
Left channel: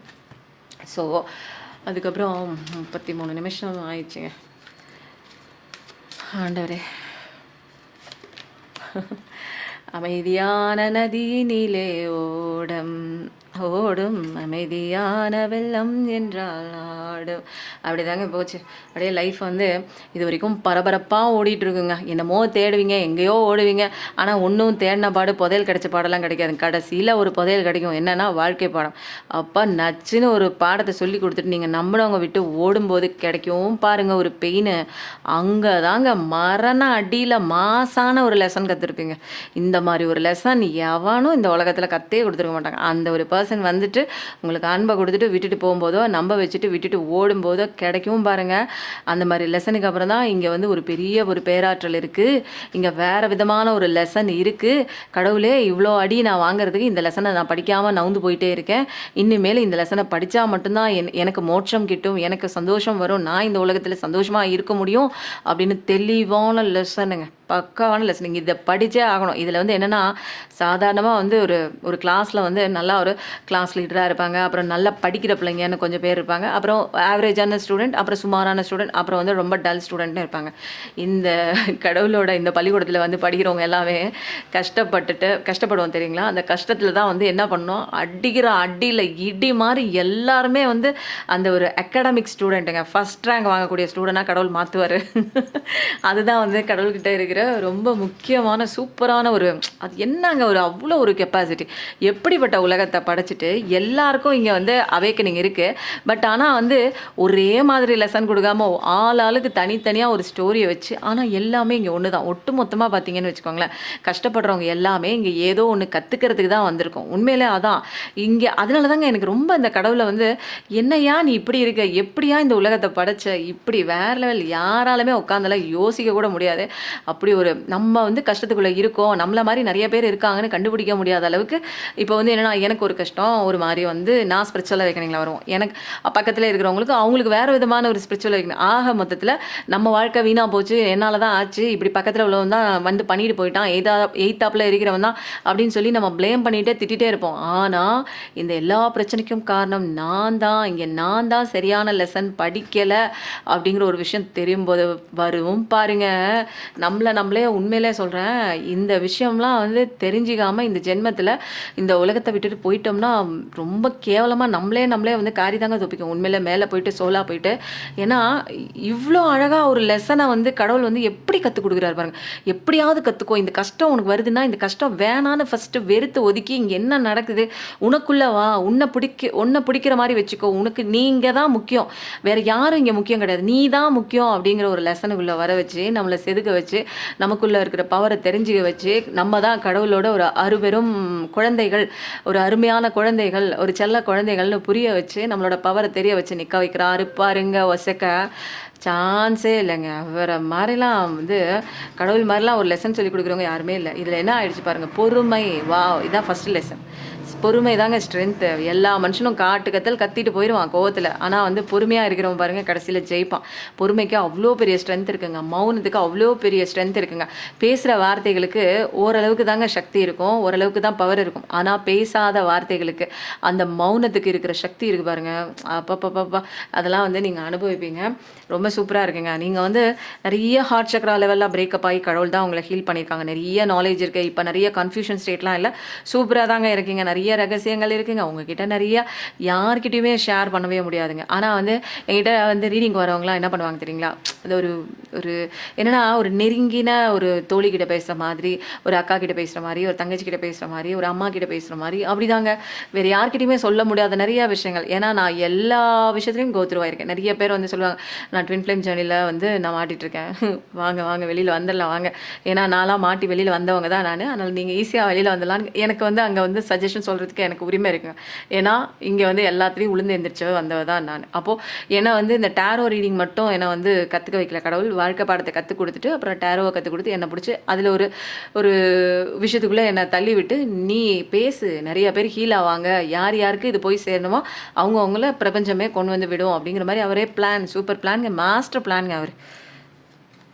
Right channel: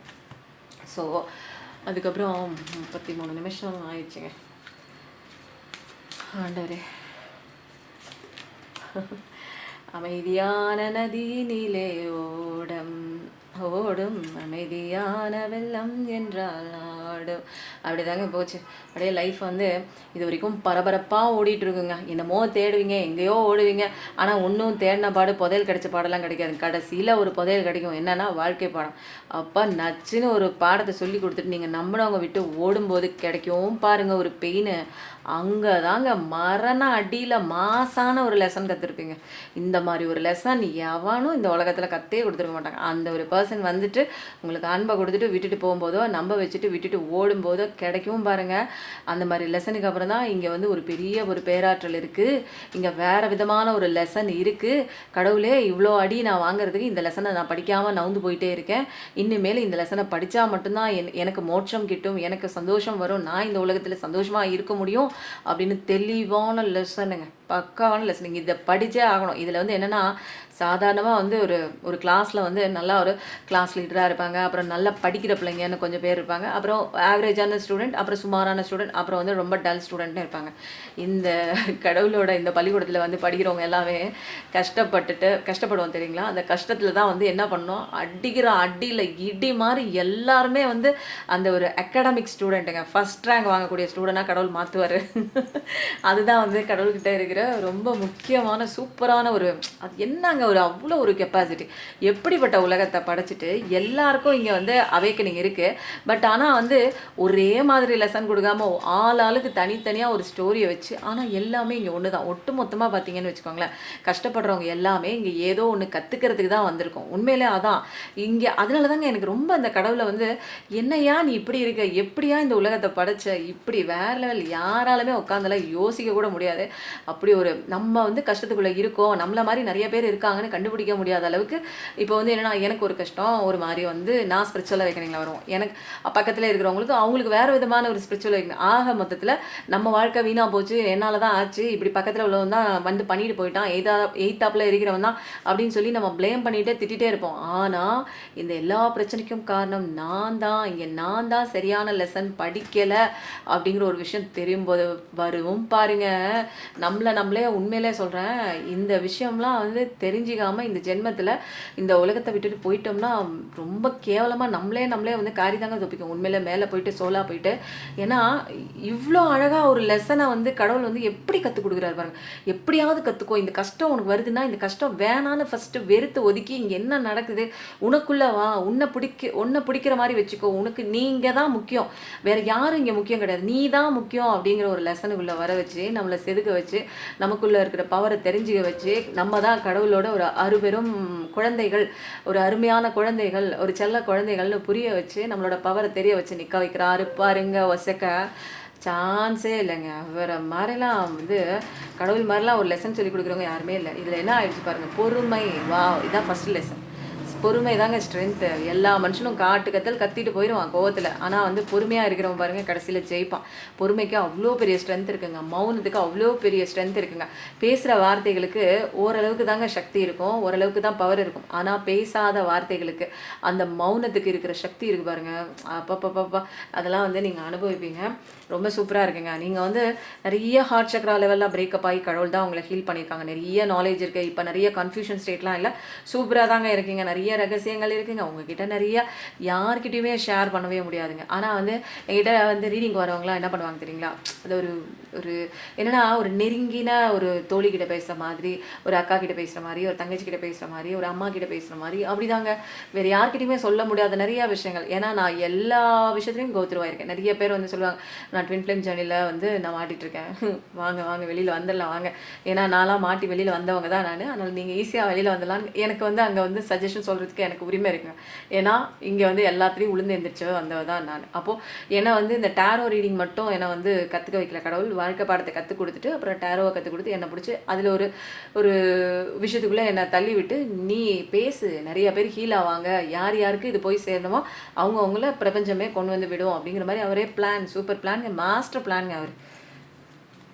ஸோ அதுக்கப்புறம் 33 நிமிஷம் ஆயிடுச்சுங்க. ஆண்டவரே, அமைதியான நதியினிலே ஓடும் அமைதியான வெள்ளம் என்றால் அப்படிதாங்க போச்சு. அப்படியே லைஃப் வந்து இது வரைக்கும் பரபரப்பாக ஓடிட்டுருக்குங்க. என்னமோ தேடுவீங்க, எங்கேயோ ஓடுவீங்க. ஆனால் ஒன்றும் தேடின பாடு புதையல் கிடைச்ச பாடெல்லாம் கிடைக்காது. கடைசியில் ஒரு புதையல் கிடைக்கும். என்னன்னா வாழ்க்கை பாடம். அப்போ நச்சுன்னு ஒரு பாடத்தை சொல்லி கொடுத்துட்டு நீங்கள் நம்பினவங்க விட்டு ஓடும்போது கிடைக்கவும் பாருங்கள் ஒரு பெயின். அங்கே தாங்க மரண அடியில் மாசான ஒரு லெசன் கற்றுருப்பீங்க. இந்த மாதிரி ஒரு லெசன் எவனும் இந்த உலகத்தில் கற்றே கொடுத்துருக்க மாட்டாங்க. அந்த ஒரு பர்சன் வந்துட்டு உங்களுக்கு அன்பை கொடுத்துட்டு விட்டுட்டு போகும்போதோ, நம்ப வச்சுட்டு விட்டுட்டு ஓடும்போதோ கிடைக்கவும் பாருங்கள். அந்த மாதிரி லெசனுக்கு அப்புறம் தான் இங்கே வந்து ஒரு பெரிய ஒரு பேராற்றல் இருக்குது. இங்கே வேறு விதமான ஒரு லெசன் இருக்குது. கடவுளே இவ்வளோ அடி நான் வாங்குறதுக்கு இந்த லெசனை நான் படிக்காமல் நவுந்து போயிட்டே இருக்கேன். இனிமேல் இந்த லெசனை படித்தா மட்டும்தான் எனக்கு மோட்சம் கிட்டும், எனக்கு சந்தோஷம் வரும், நான் இந்த உலகத்தில் சந்தோஷமாக இருக்க முடியும் அப்படின்னு தெளிவான லெசனுங்க. பக்காவான லெசன். நீங்கள் இதை படித்தே ஆகணும். இதில் வந்து என்னென்னா சாதாரணமாக வந்து ஒரு ஒரு கிளாஸில் வந்து நல்லா ஒரு கிளாஸ் லீடராக இருப்பாங்க, அப்புறம் நல்லா படிக்கிற பிள்ளைங்கன்னு கொஞ்சம் பேர் இருப்பாங்க, அப்புறம் ஆவரேஜான ஸ்டூடெண்ட், அப்புறம் சுமாரான ஸ்டூடெண்ட், அப்புறம் வந்து ரொம்ப டல் ஸ்டூடெண்ட்னு இருப்பாங்க. இந்த கடவுளோட இந்த பள்ளிக்கூடத்தில் வந்து படிக்கிறவங்க எல்லாமே கஷ்டப்படுவோம் தெரியுங்களா? அந்த கஷ்டத்தில் தான் வந்து என்ன பண்ணோம், அடிக்கிற அடியில் இடி மாதிரி எல்லாருமே வந்து அந்த ஒரு அகாடமிக் ஸ்டூடெண்ட்டுங்க, ஃபஸ்ட் ரேங்க் வாங்கக்கூடிய ஸ்டூடெண்ட்டாக கடவுள் மாற்றுவார். அதுதான் வந்து கடவுள்கிட்ட இருக்கிற ரொம்ப முக்கியமான சூப்பரான ஒரு அது என்னங்க ஒரு அவ்வளோ ஒரு கெப்பாசிட்டி. எப்படிப்பட்ட உலகத்தை படைச்சிட்டு எல்லாருக்கும் இங்கே வந்து அவேக்கனிங் இருக்குது. பட் ஆனால் வந்து ஒரே மாதிரி லெசன் கொடுக்காம ஆளுக்கு தனித்தனியாக ஒரு ஸ்டோரியை வச்சு, ஆனால் எல்லாமே இங்கே ஒன்று தான். ஒட்டு மொத்தமாக பார்த்தீங்கன்னு வச்சுக்கோங்களேன், கஷ்டப்படுறவங்க எல்லாமே இங்கே ஏதோ ஒன்று கற்றுக்கிறதுக்கு தான் வந்திருக்கும். உண்மையிலே அதான் இங்கே. அதனால தாங்க எனக்கு ரொம்ப இந்த கடவுளை வந்து என்னையா நீ இப்படி இருக்க, எப்படியா இந்த உலகத்தை படைச்ச, இப்படி வேற லெவல், யாராலுமே உட்காந்தெல்லாம் யோசிக்க கூட முடியாது. அப்படி ஒரு நம்ம வந்து கஷ்டத்துக்குள்ளே இருக்கோம், நம்மள மாதிரி நிறைய பேர் இருக்காங்கன்னு கண்டுபிடிக்க முடியாத அளவுக்கு இப்போ வந்து என்னென்னா எனக்கு ஒரு கஷ்டம் ஒரு மாதிரி வந்து நான் ஸ்பிரிச்சுவல் அவேக்கனிங்கில் வரும். எனக்கு பக்கத்தில் இருக்கிறவங்களுக்கு அவங்களுக்கு வேறு விதமான ஒரு ஸ்பிரிச்சுவல் அவேக்கனிங். ஆக மொத்தத்தில் நம்ம வாழ்க்கை வீணாக போச்சு, என்னால் தான் ஆச்சு, இப்படி பக்கத்தில் உள்ளவன் தான் வந்து பண்ணிட்டு போயிட்டான், எய்த்தாப்பில் இருக்கிறவன் தான் அப்படின்னு சொல்லி நம்ம ப்ளேம் பண்ணிகிட்டே திட்டிகிட்டே இருப்போம். ஆனால் இந்த எல்லா பிரச்சனைக்கும் காரணம் நான் தான், இங்கே நான் தான் சரியான லெசன் படிக்கலை அப்படிங்கிற ஒரு விஷயம் தெரியும் போது வரும் பாருங்க. நம்மளே உண்மையிலே சொல்கிறேன், இந்த விஷயம்லாம் வந்து தெரிஞ்சிக்காமல் இந்த ஜென்மத்தில் இந்த உலகத்தை விட்டுட்டு போயிட்டோம்னா ரொம்ப கேவலமாக நம்மளே வந்து காரி தாங்க தப்பிக்கும். உண்மையிலே மேலே போயிட்டு சோலாக போயிட்டு. ஏன்னா இவ்வளோ அழகாக ஒரு லெசனை வந்து கடவுள் வந்து எப்படி கற்றுக் கொடுக்குறாரு பாருங்க. எப்படியாவது கற்றுக்கோ, இந்த கஷ்டம் உனக்கு வருதுன்னா இந்த கஷ்டம் வேணான்னு ஃபஸ்ட்டு வெறுத்து ஒதுக்கி இங்கே என்ன நடக்குது உனக்குள்ளே வா, உன்னை பிடிக்கிற மாதிரி வச்சுக்கோ, உனக்கு நீங்கள் தான் முக்கியம், வேறு யாரும் இங்கே முக்கியம் கிடையாது, நீ தான் முக்கியம் அப்படிங்கிற ஒரு லெசனுக்குள்ளே வர வச்சு நம்மளை செதுக்க வச்சு நமக்குள்ளே இருக்கிற பவரை தெரிஞ்சுக்க வச்சு நம்ம தான் கடவுளோட ஒரு அருபெரும் குழந்தைகள், ஒரு அருமையான குழந்தைகள், ஒரு செல்ல குழந்தைகள்னு புரிய வச்சு நம்மளோட பவரை தெரிய வச்சு நிற்க வைக்கிறாரு பாருங்க. ஒசக்க சான்ஸே இல்லைங்க. வேறு மாதிரிலாம் வந்து கடவுள் மாதிரிலாம் ஒரு லெசன் சொல்லி கொடுக்குறவங்க யாருமே இல்லை. இதில் என்ன ஆயிடுச்சு பாருங்கள், பொறுமை. வா, இதான் ஃபஸ்ட்டு லெசன். பொறுமை தாங்க ஸ்ட்ரென்த்து. எல்லா மனுஷனும் கத்திட்டு போயிடுவான் கோவத்தில். ஆனால் வந்து பொறுமையாக இருக்கிறவன் பாருங்கள் கடைசியில் ஜெயிப்பான். பொறுமைக்கு அவ்வளோ பெரிய ஸ்ட்ரென்த் இருக்குங்க. மௌனத்துக்கு அவ்வளோ பெரிய ஸ்ட்ரென்த் இருக்குங்க. பேசுகிற வார்த்தைகளுக்கு ஓரளவுக்கு தாங்க சக்தி இருக்கும், ஓரளவுக்கு தான் பவர் இருக்கும். ஆனால் பேசாத வார்த்தைகளுக்கு அந்த மௌனத்துக்கு இருக்கிற சக்தி இருக்குது பாருங்கள். அப்பப்பப்பப்பா அதெல்லாம் வந்து நீங்கள் அனுபவிப்பீங்க. ரொம்ப சூப்பராக இருக்குங்க. நீங்கள் வந்து நிறைய ஹார்ட் சக்ரா லெவலில் பிரேக்கப் ஆகி கடவுள் தான் உங்களை ஹீல் பண்ணியிருக்காங்க. நிறைய நாலேஜ் இருக்குது. இப்போ நிறைய கன்ஃபியூஷன் ஸ்டேட்லாம் இல்லை, சூப்பராக தாங்க இருக்கீங்க. நிறைய ரகசியங்கள் இருக்குங்க உங்ககிட்ட. நிறைய யார்கிட்டையுமே ஷேர் பண்ணவே முடியாதுங்க. ஆனால் வந்து என்கிட்ட வந்து ரீடிங் வரவங்களாம் என்ன பண்ணுவாங்க தெரியுங்களா, அது ஒரு என்னென்னா ஒரு நெருங்கின ஒரு தோழி கிட்ட பேசுகிற மாதிரி, ஒரு அக்கா கிட்ட பேசுகிற மாதிரி, ஒரு தங்கச்சி கிட்ட பேசுகிற மாதிரி, ஒரு அம்மா கிட்ட பேசுகிற மாதிரி, அப்படிதாங்க. வேறு யார்கிட்டையுமே சொல்ல முடியாத நிறைய விஷயங்கள். ஏன்னா நான் எல்லா விஷயத்துலையும் கோத்ரூவாயிருக்கேன். நிறைய பேர் வந்து சொல்லுவாங்க, நான் ட்வின் ஃப்ளேம் ஜேர்னியில் வந்து நான் மாட்டிகிட்ருக்கேன், வாங்க வெளியில் வந்துடலாம் வாங்க. ஏன்னா நான்லாம் மாட்டி வெளியில் வந்தவங்க தான் நான். அதனால் நீங்கள் ஈஸியாக வெளியில் வந்துடலான்னு எனக்கு வந்து அங்கே வந்து சஜஷன் சொல்கிறதுக்கு எனக்கு உரிமை இருக்குங்க. ஏன்னா இங்கே வந்து எல்லாத்துலேயும் உளுந்து எந்திரிச்சவ வந்தவ தான் நான். அப்போது ஏன்னா வந்து இந்த டேரோ ரீடிங் மட்டும் என்னை வந்து கற்றுக்க வைக்கல கடவுள். வாழ்க்கை பாடத்தை கற்றுக் கொடுத்துட்டு அப்புறம் டேரோவை கற்றுக் கொடுத்து என்னை பிடிச்சி அதில் ஒரு விஷயத்துக்குள்ளே என்னை தள்ளி விட்டு நீ பேசு, நிறைய பேர் ஹீல் ஆவாங்க, யாருக்கு இது போய் சேரணுமோ அவங்கள பிரபஞ்சமே கொண்டு வந்து விடும் அப்படிங்கிற மாதிரி அவரே பிளான், சூப்பர் பிளான்ங்க, மாஸ்டர் பிளான்ங்க அவர்.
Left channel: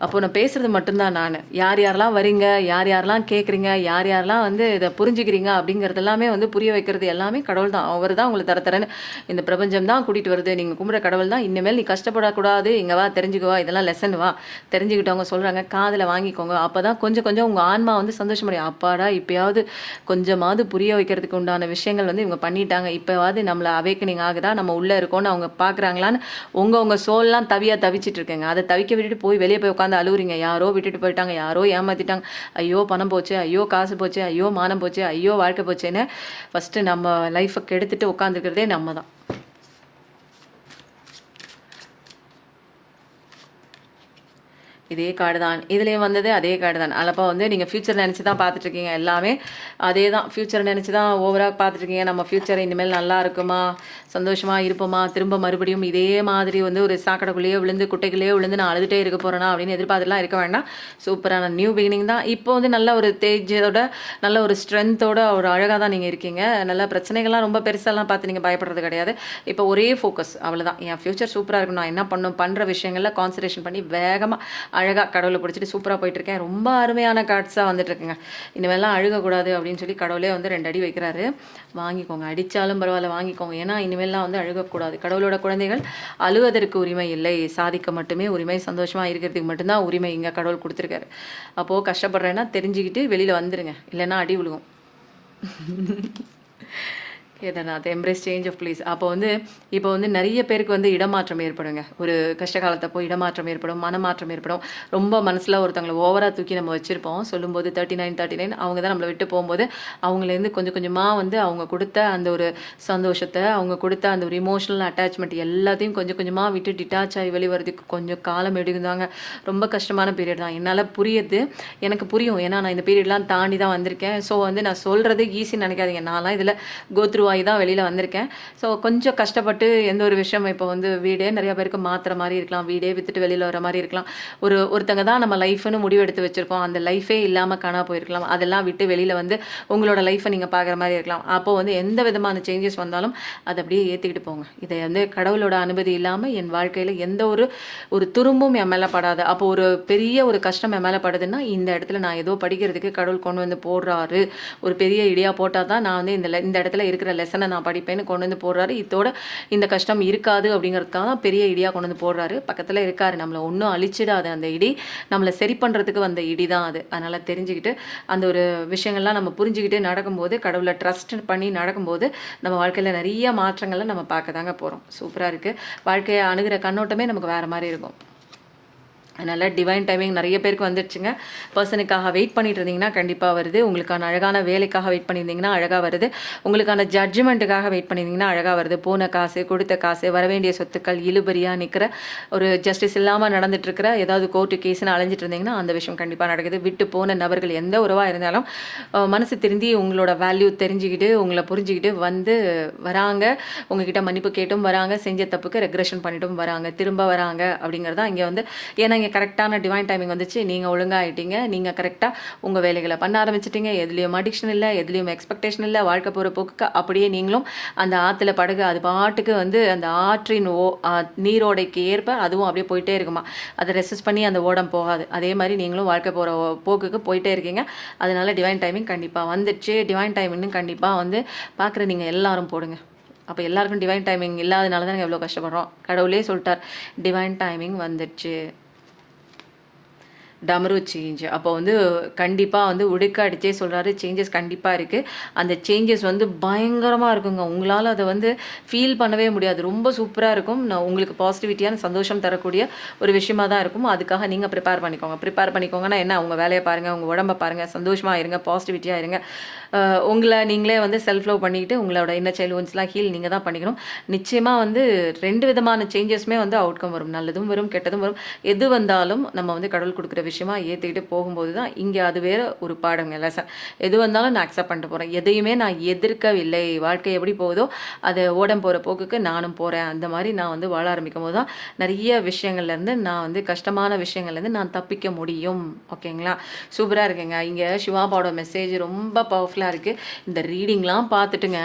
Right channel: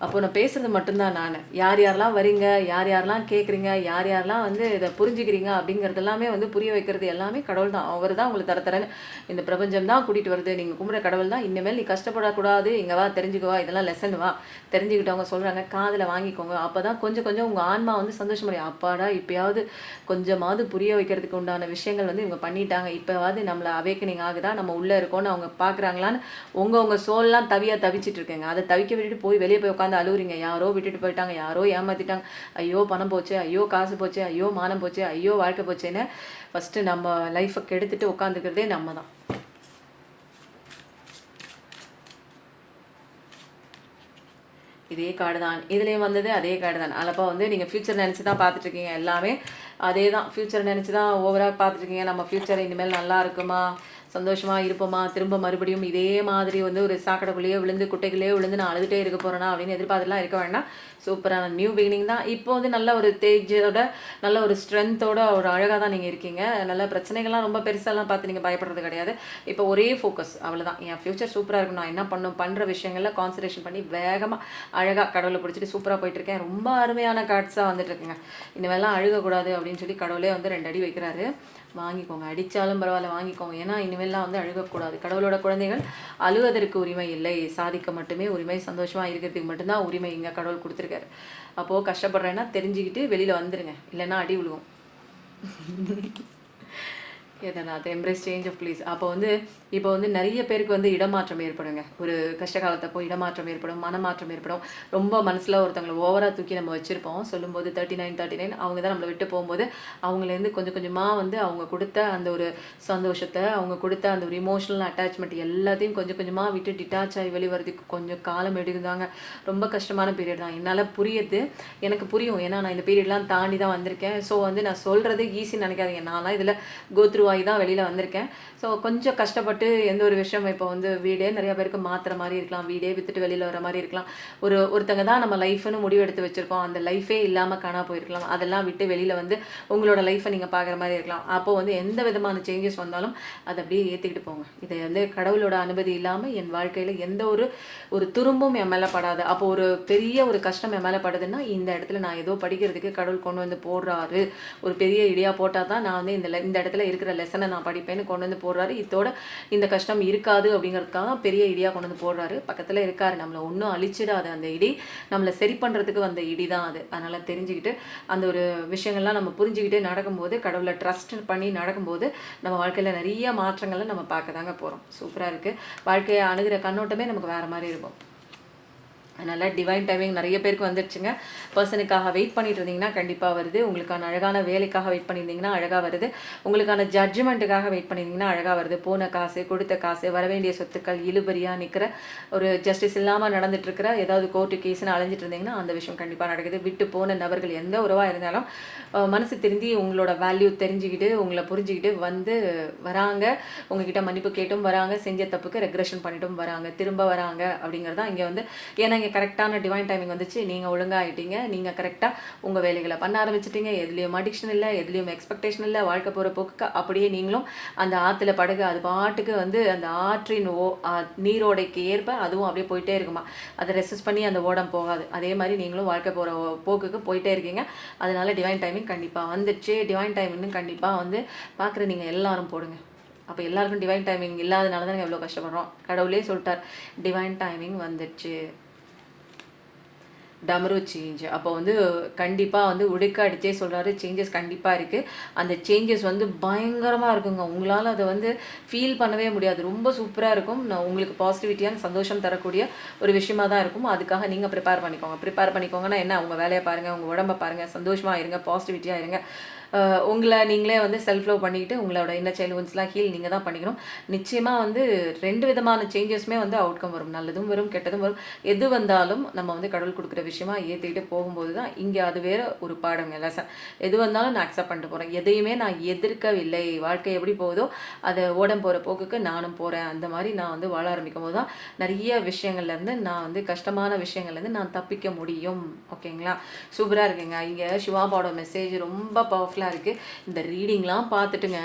அப்போ நான் பேசுறது மட்டும்தான் நான். யார் யாரெல்லாம் வரீங்க, யார் யாரெல்லாம் கேட்குறீங்க, யார் யாரெல்லாம் வந்து இத புரிஞ்சுக்கிறீங்க அப்படிங்கிறது எல்லாமே வந்து புரிய வைக்கிறது எல்லாமே கடவுள் தான். அவர் தான் உங்கள தர தரன்னு இந்த பிரபஞ்சம் தான் கூட்டிட்டு வருது. நீங்க கும்பிடுற கடவுள் தான். இனிமேல் நீ கஷ்டப்படக்கூடாது. இங்க வா தெரிஞ்சுக்கோ. இதெல்லாம் லெசன் வா. தெரிஞ்சுக்கிட்டவங்க சொல்றாங்க. காதுல வாங்கிக்கோங்க. அப்பதான் கொஞ்சம் கொஞ்சம் உங்க ஆன்மா வந்து சந்தோஷமடையும். அப்பாடா! இப்பயாவது கொஞ்சமாவது புரிய வைக்கிறதுக்கு உண்டான விஷயங்கள் வந்து இவங்க பண்ணிட்டாங்க. இப்பவாவது நம்மள அவேக்கனிங் ஆகுதா? நம்ம உள்ள இருக்கோம்னு அவங்க பார்க்குறாங்களான்னு உங்க சோல்லாம் தவிச்சிட்டு இருக்குங்க. அத தவிக்க விட்டுட்டு போய் வெளிய போய் உட்காந்து அழுவுறீங்க. யாரோ விட்டுட்டு போயிட்டாங்க. யாரோ ஏமாத்திட்டாங்க. ஐயோ! பணம் போச்சு. ஐயோ! காசு போச்சு. ஐயோ! மானம் போச்சு. ஐயோ! வாழ்க்கை போச்சேன்னு ஃபர்ஸ்ட்டு நம்ம லைஃப கெடுத்துட்டு உட்காந்துருக்கிறதே நம்ம தான். இதே கார்டு தான். இதுலயும் வந்தது அதே கார்டு தான். அப்போ வந்து நீங்க ஃபியூச்சர் நெனச்சு தான் பார்த்துட்டுருக்கீங்க எல்லாமே. அதே தான் ஃபியூச்சர் நெனச்சு தான் ஓவரா பார்த்துட்டுருக்கீங்க. நம்ம ஃபியூச்சர் இனிமேல் நல்லா இருக்குமா? சந்தோஷமா இருப்போமா? திரும்ப மறுபடியும் இதே மாதிரி வந்து ஒரு சாக்கடைக்குள்ளேயே விழுந்து, குட்டைக்குள்ளேயே விழுந்து நான் அழுதுட்டே இருக்க போறேனா? அப்படின்னு எதிர்பார்த்துலாம் இருக்க வேண்டாம். சூப்பரான நியூ பிகினிங் தான். இப்போ வந்து நல்ல ஒரு தேஜோட, நல்ல ஒரு ஸ்ட்ரென்த்தோட, ஒரு அழகா தான் நீங்க இருக்கீங்க. நல்ல பிரச்சனைகள்லாம் ரொம்ப பெருசாலாம் பார்த்து நீங்க பயப்படுறது கிடையாது. இப்போ ஒரே ஃபோக்கஸ் அவ்வளோதான். என் ஃபியூச்சர் சூப்பரா இருக்கணும். நான் என்ன பண்ணணும்? பண்ற விஷயங்கள்ல கான்சன்ட்ரேஷன் பண்ணி வேகமா அழகா கடவுளை பிடிச்சிட்டு சூப்பரா போயிட்டுருக்கேன். ரொம்ப அருமையான கார்ட்ஸா வந்துட்டுருக்குங்க. இனிமேல்லாம் அழுகக்கூடாது அப்படின்னு சொல்லி கடவுளே வந்து 2 அடி வைக்கிறாரு. வாங்கிக்கோங்க. அடிச்சாலும் பரவாயில்ல வாங்கிக்கோங்க. ஏன்னா இனிமேல்லாம் வந்து அழுகக்கூடாது. கடவுளோட குழந்தைகள் அழுவதற்கு உரிமை இல்லை. சாதிக்க மட்டுமே உரிமை. சந்தோஷமா இருக்கிறதுக்கு மட்டும்தான் உரிமை இங்க கடவுள் குடுத்துருக்காரு. அப்போ கஷ்டப்படுறேன்னா தெரிஞ்சுக்கிட்டு வெளியில வந்துருங்க. இல்லைன்னா அடி விழுகும். Kedarnath embrace change of place. அப்போ வந்து இப்போ வந்து நிறைய பேருக்கு வந்து இடமாற்றம் ஏற்படுங்க. ஒரு கஷ்ட காலத்தப்போ இடமாற்றம் ஏற்படும், மனமாற்றம் ஏற்படும். ரொம்ப மனசில் ஒருத்தவங்களை ஓவராக தூக்கி நம்ம வச்சுருப்போம். சொல்லும்போது 39 அவங்க தான் நம்மளை விட்டு போகும்போது அவங்களேருந்து கொஞ்சம் கொஞ்சமாக வந்து அவங்க கொடுத்த அந்த ஒரு சந்தோஷத்தை, அவங்க கொடுத்த அந்த ஒரு இமோஷனல் அட்டாச்மெண்ட் எல்லாத்தையும் கொஞ்சம் கொஞ்சமாக விட்டு டிட்டாச் ஆகி வெளிவரதுக்கு கொஞ்சம் காலம் எடுக்குதாங்க. ரொம்ப கஷ்டமான பீரியட் தான். என்னால் புரியுது. எனக்கு புரியும். ஏன்னா நான் இந்த பீரியட்லாம் தாண்டி தான் வந்திருக்கேன். ஸோ வந்து நான் சொல்கிறது ஈஸின்னு நினைக்காதீங்க. நான்லாம் இதில் கோத்ரூ ஆகி தான் வெளியில் வந்திருக்கேன். ஸோ கொஞ்சம் கஷ்டப்பட்டு எந்த ஒரு விஷயம் இப்போ வந்து வீடே நிறைய பேருக்கு மாற்றுற மாதிரி இருக்கலாம். வீடே விற்றுட்டு வெளியில் வர மாதிரி இருக்கலாம். ஒருத்தங்க தான் நம்ம லைஃப்னு முடிவு எடுத்து வச்சுருக்கோம். அந்த லைஃபே இல்லாமல் காணா போயிருக்கலாம். அதெல்லாம் விட்டு வெளியில் வந்து உங்களோட லைஃப்பை நீங்கள் பார்க்குற மாதிரி இருக்கலாம். அப்போது வந்து எந்த விதமான சேஞ்சஸ் வந்தாலும் அதை அப்படியே ஏற்றிக்கிட்டு போங்க. இதை வந்து கடவுளோட அனுமதி இல்லாமல் என் வாழ்க்கையில் எந்த ஒரு துரும்பும் என் மேலே படாது. அப்போ ஒரு பெரிய ஒரு கஷ்டம் என் மேலே படுதுன்னா இந்த இடத்துல நான் ஏதோ படிக்கிறதுக்கு கடவுள் கொண்டு வந்து போடுறாரு. ஒரு பெரிய இடியா போட்டால் தான் நான் வந்து இந்த இடத்துல இருக்கிற லெசனை நான் படிப்பேன்னு கொண்டு வந்து போடுறாரு. இதோட இந்த கஷ்டம் இருக்காது அப்படிங்கிறதுக்காக தான் பெரிய இடியாக கொண்டு வந்து போடுறாரு. பக்கத்தில் இருக்காரு. நம்மளை ஒன்றும் அழிச்சிடாது அந்த இடி. நம்மளை சரி பண்ணுறதுக்கு வந்த இடி தான் அது. அதனால் தெரிஞ்சுக்கிட்டு அந்த ஒரு விஷயங்கள்லாம் நம்ம புரிஞ்சுக்கிட்டு நடக்கும்போது, கடவுளை ட்ரஸ்ட் பண்ணி நடக்கும்போது நம்ம வாழ்க்கையில் நிறைய மாற்றங்களை நம்ம பார்க்க தாங்க போகிறோம். சூப்பராக இருக்குது. வாழ்க்கையை அணுகிற கண்ணோட்டமே நமக்கு வேறு மாதிரி இருக்கும். அதனால் டிவைன் டைமிங் நிறைய பேருக்கு வந்துடுச்சுங்க. பர்சனுக்காக வெயிட் பண்ணிட்டு இருந்தீங்கன்னா கண்டிப்பாக வருது. உங்களுக்கான அழகான வேலைக்காக வெயிட் பண்ணியிருந்தீங்கன்னா அழகாக வருது. உங்களுக்கான ஜட்ஜ்மெண்ட்டுக்காக வெயிட் பண்ணியிருந்தீங்கன்னா அழகாக வருது. போன காசு, கொடுத்த காசு, வரவேண்டிய சொத்துக்கள் இழுபறியாக நிற்கிற ஒரு ஜஸ்டிஸ் இல்லாமல் நடந்துட்டுருக்கிற ஏதாவது கோர்ட்டு கேஸ்ன்னு அலைஞ்சிட்டு இருந்தீங்கன்னா அந்த விஷயம் கண்டிப்பாக நடக்குது. விட்டு போன நபர்கள் எந்த உறவாக இருந்தாலும் மனசு திருந்தி உங்களோட வேல்யூ தெரிஞ்சுக்கிட்டு உங்களை புரிஞ்சுக்கிட்டு வந்து வராங்க. உங்ககிட்ட மன்னிப்பு கேட்டும் வராங்க. செஞ்ச தப்புக்கு ரெக்ரெஷன் பண்ணிட்டும் வராங்க. திரும்ப வராங்க அப்படிங்கிறதா இங்கே வந்து ஏன்னா இங்கே கரெக்டான டிவைன் டைமிங் வந்துச்சு. நீங்கள் ஒழுங்காகிட்டீங்க. நீங்கள் கரெக்டாக உங்கள் வேலைகளை பண்ண ஆரம்பிச்சிட்டிங்க. எதுலேயும் அடிக்ஷன் இல்லை, எதுலேயும் எக்ஸ்பெக்டேஷன் இல்லை. வாழ்க்கை போகிற போக்குக்கு அப்படியே நீங்களும் அந்த ஆற்றுல படகு அது பாட்டுக்கு வந்து அந்த ஆற்றின் நீரோடைக்கு ஏற்ப அதுவும் அப்படியே போயிட்டே இருக்குமா. அதை ரெசிஸ்ட் பண்ணி அந்த ஓடம் போகாது. அதே மாதிரி நீங்களும் வாழ்க்கை போகிற போக்குக்கு போயிட்டே இருக்கீங்க. அதனால டிவைன் டைமிங் கண்டிப்பாக வந்துடுச்சு. டிவைன் டைமிங்னு கண்டிப்பாக வந்து பார்க்குற நீங்கள் எல்லாரும் போடுங்க. அப்போ எல்லாருக்கும் டிவைன் டைமிங் இல்லாதனால தான் எவ்வளோ கஷ்டப்படுறோம். கடவுளே சொல்லிட்டார் டிவைன் டைமிங் வந்துடுச்சு. டமரு சேஞ்ச். அப்போ வந்து கண்டிப்பாக வந்து உடுக்க அடிச்சே சொல்கிறாரு. சேஞ்சஸ் கண்டிப்பாக இருக்குது. அந்த சேஞ்சஸ் வந்து பயங்கரமாக இருக்குங்க. உங்களால் அதை வந்து ஃபீல் பண்ணவே முடியாது. ரொம்ப சூப்பராக இருக்கும். நான் உங்களுக்கு பாசிட்டிவிட்டியான சந்தோஷம் தரக்கூடிய ஒரு விஷயமா தான் இருக்கும். அதுக்காக நீங்கள் ப்ரிப்பேர் பண்ணிக்கோங்கன்னா என்ன, உங்கள் வேலையை பாருங்கள், உங்கள் உடம்பை பாருங்கள், சந்தோஷமாக இருங்க, பாசிட்டிவிட்டியாக இருங்க. உங்களை நீங்களே வந்து செல்ஃப் லவ் பண்ணிக்கிட்டு உங்களோட இன்னர் சைல்டு ஒன்ஸ்லாம் ஹீல் நீங்கள் தான் பண்ணிக்கணும். நிச்சயமாக வந்து 2 விதமான சேஞ்சஸுமே வந்து அவுட்கம் வரும். நல்லதும் வரும், கெட்டதும் வரும். எது வந்தாலும் நம்ம வந்து கடவுள் கொடுக்குற விஷயமா ஏற்றிக்கிட்டு போகும்போது தான் இங்கே அது வேறு ஒரு பாடங்க லெசன். எது வந்தாலும் நான் அக்செப்ட் பண்ணிட்டு போகிறேன். எதையுமே நான் எதிர்க்கவில்லை. வாழ்க்கை எப்படி போகுதோ அதை ஓடம் போகிற போக்குக்கு நானும் போகிறேன். அந்த மாதிரி நான் வந்து வாழ ஆரம்பிக்கும் போது தான் நிறைய விஷயங்கள்லேருந்து நான் வந்து கஷ்டமான விஷயங்கள்லேருந்து நான் தப்பிக்க முடியும். ஓகேங்களா? சூப்பராக இருக்குங்க. இங்கே சிவாபாவோட மெசேஜ் ரொம்ப பவர்ஃபுல்லாக மிராக்கிளாக இருக்குது. இந்த ரீடிங்லாம் பார்த்துட்டுங்க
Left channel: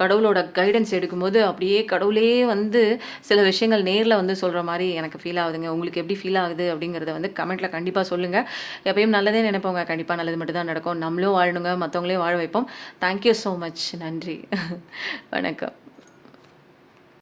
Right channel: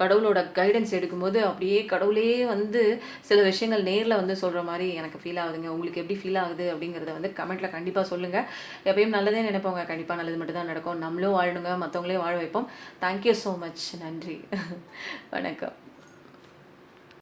கடவுளோட கைடன்ஸ் எடுக்கும்போது அப்படியே கடவுளே வந்து சில விஷயங்கள் நேரில் வந்து சொல்கிற மாதிரி எனக்கு ஃபீல் ஆகுதுங்க. உங்களுக்கு எப்படி ஃபீல் ஆகுது அப்படிங்கிறத வந்து கமெண்ட்டில் கண்டிப்பாக சொல்லுங்கள். எப்பயும் நல்லதே நினைப்போங்க. கண்டிப்பாக நல்லது மட்டும் தான் நடக்கும். நம்மளும் வாழணுங்க, மற்றவங்களையும் வாழ வைப்போம். Thank you so much. நன்றி. வணக்கம்.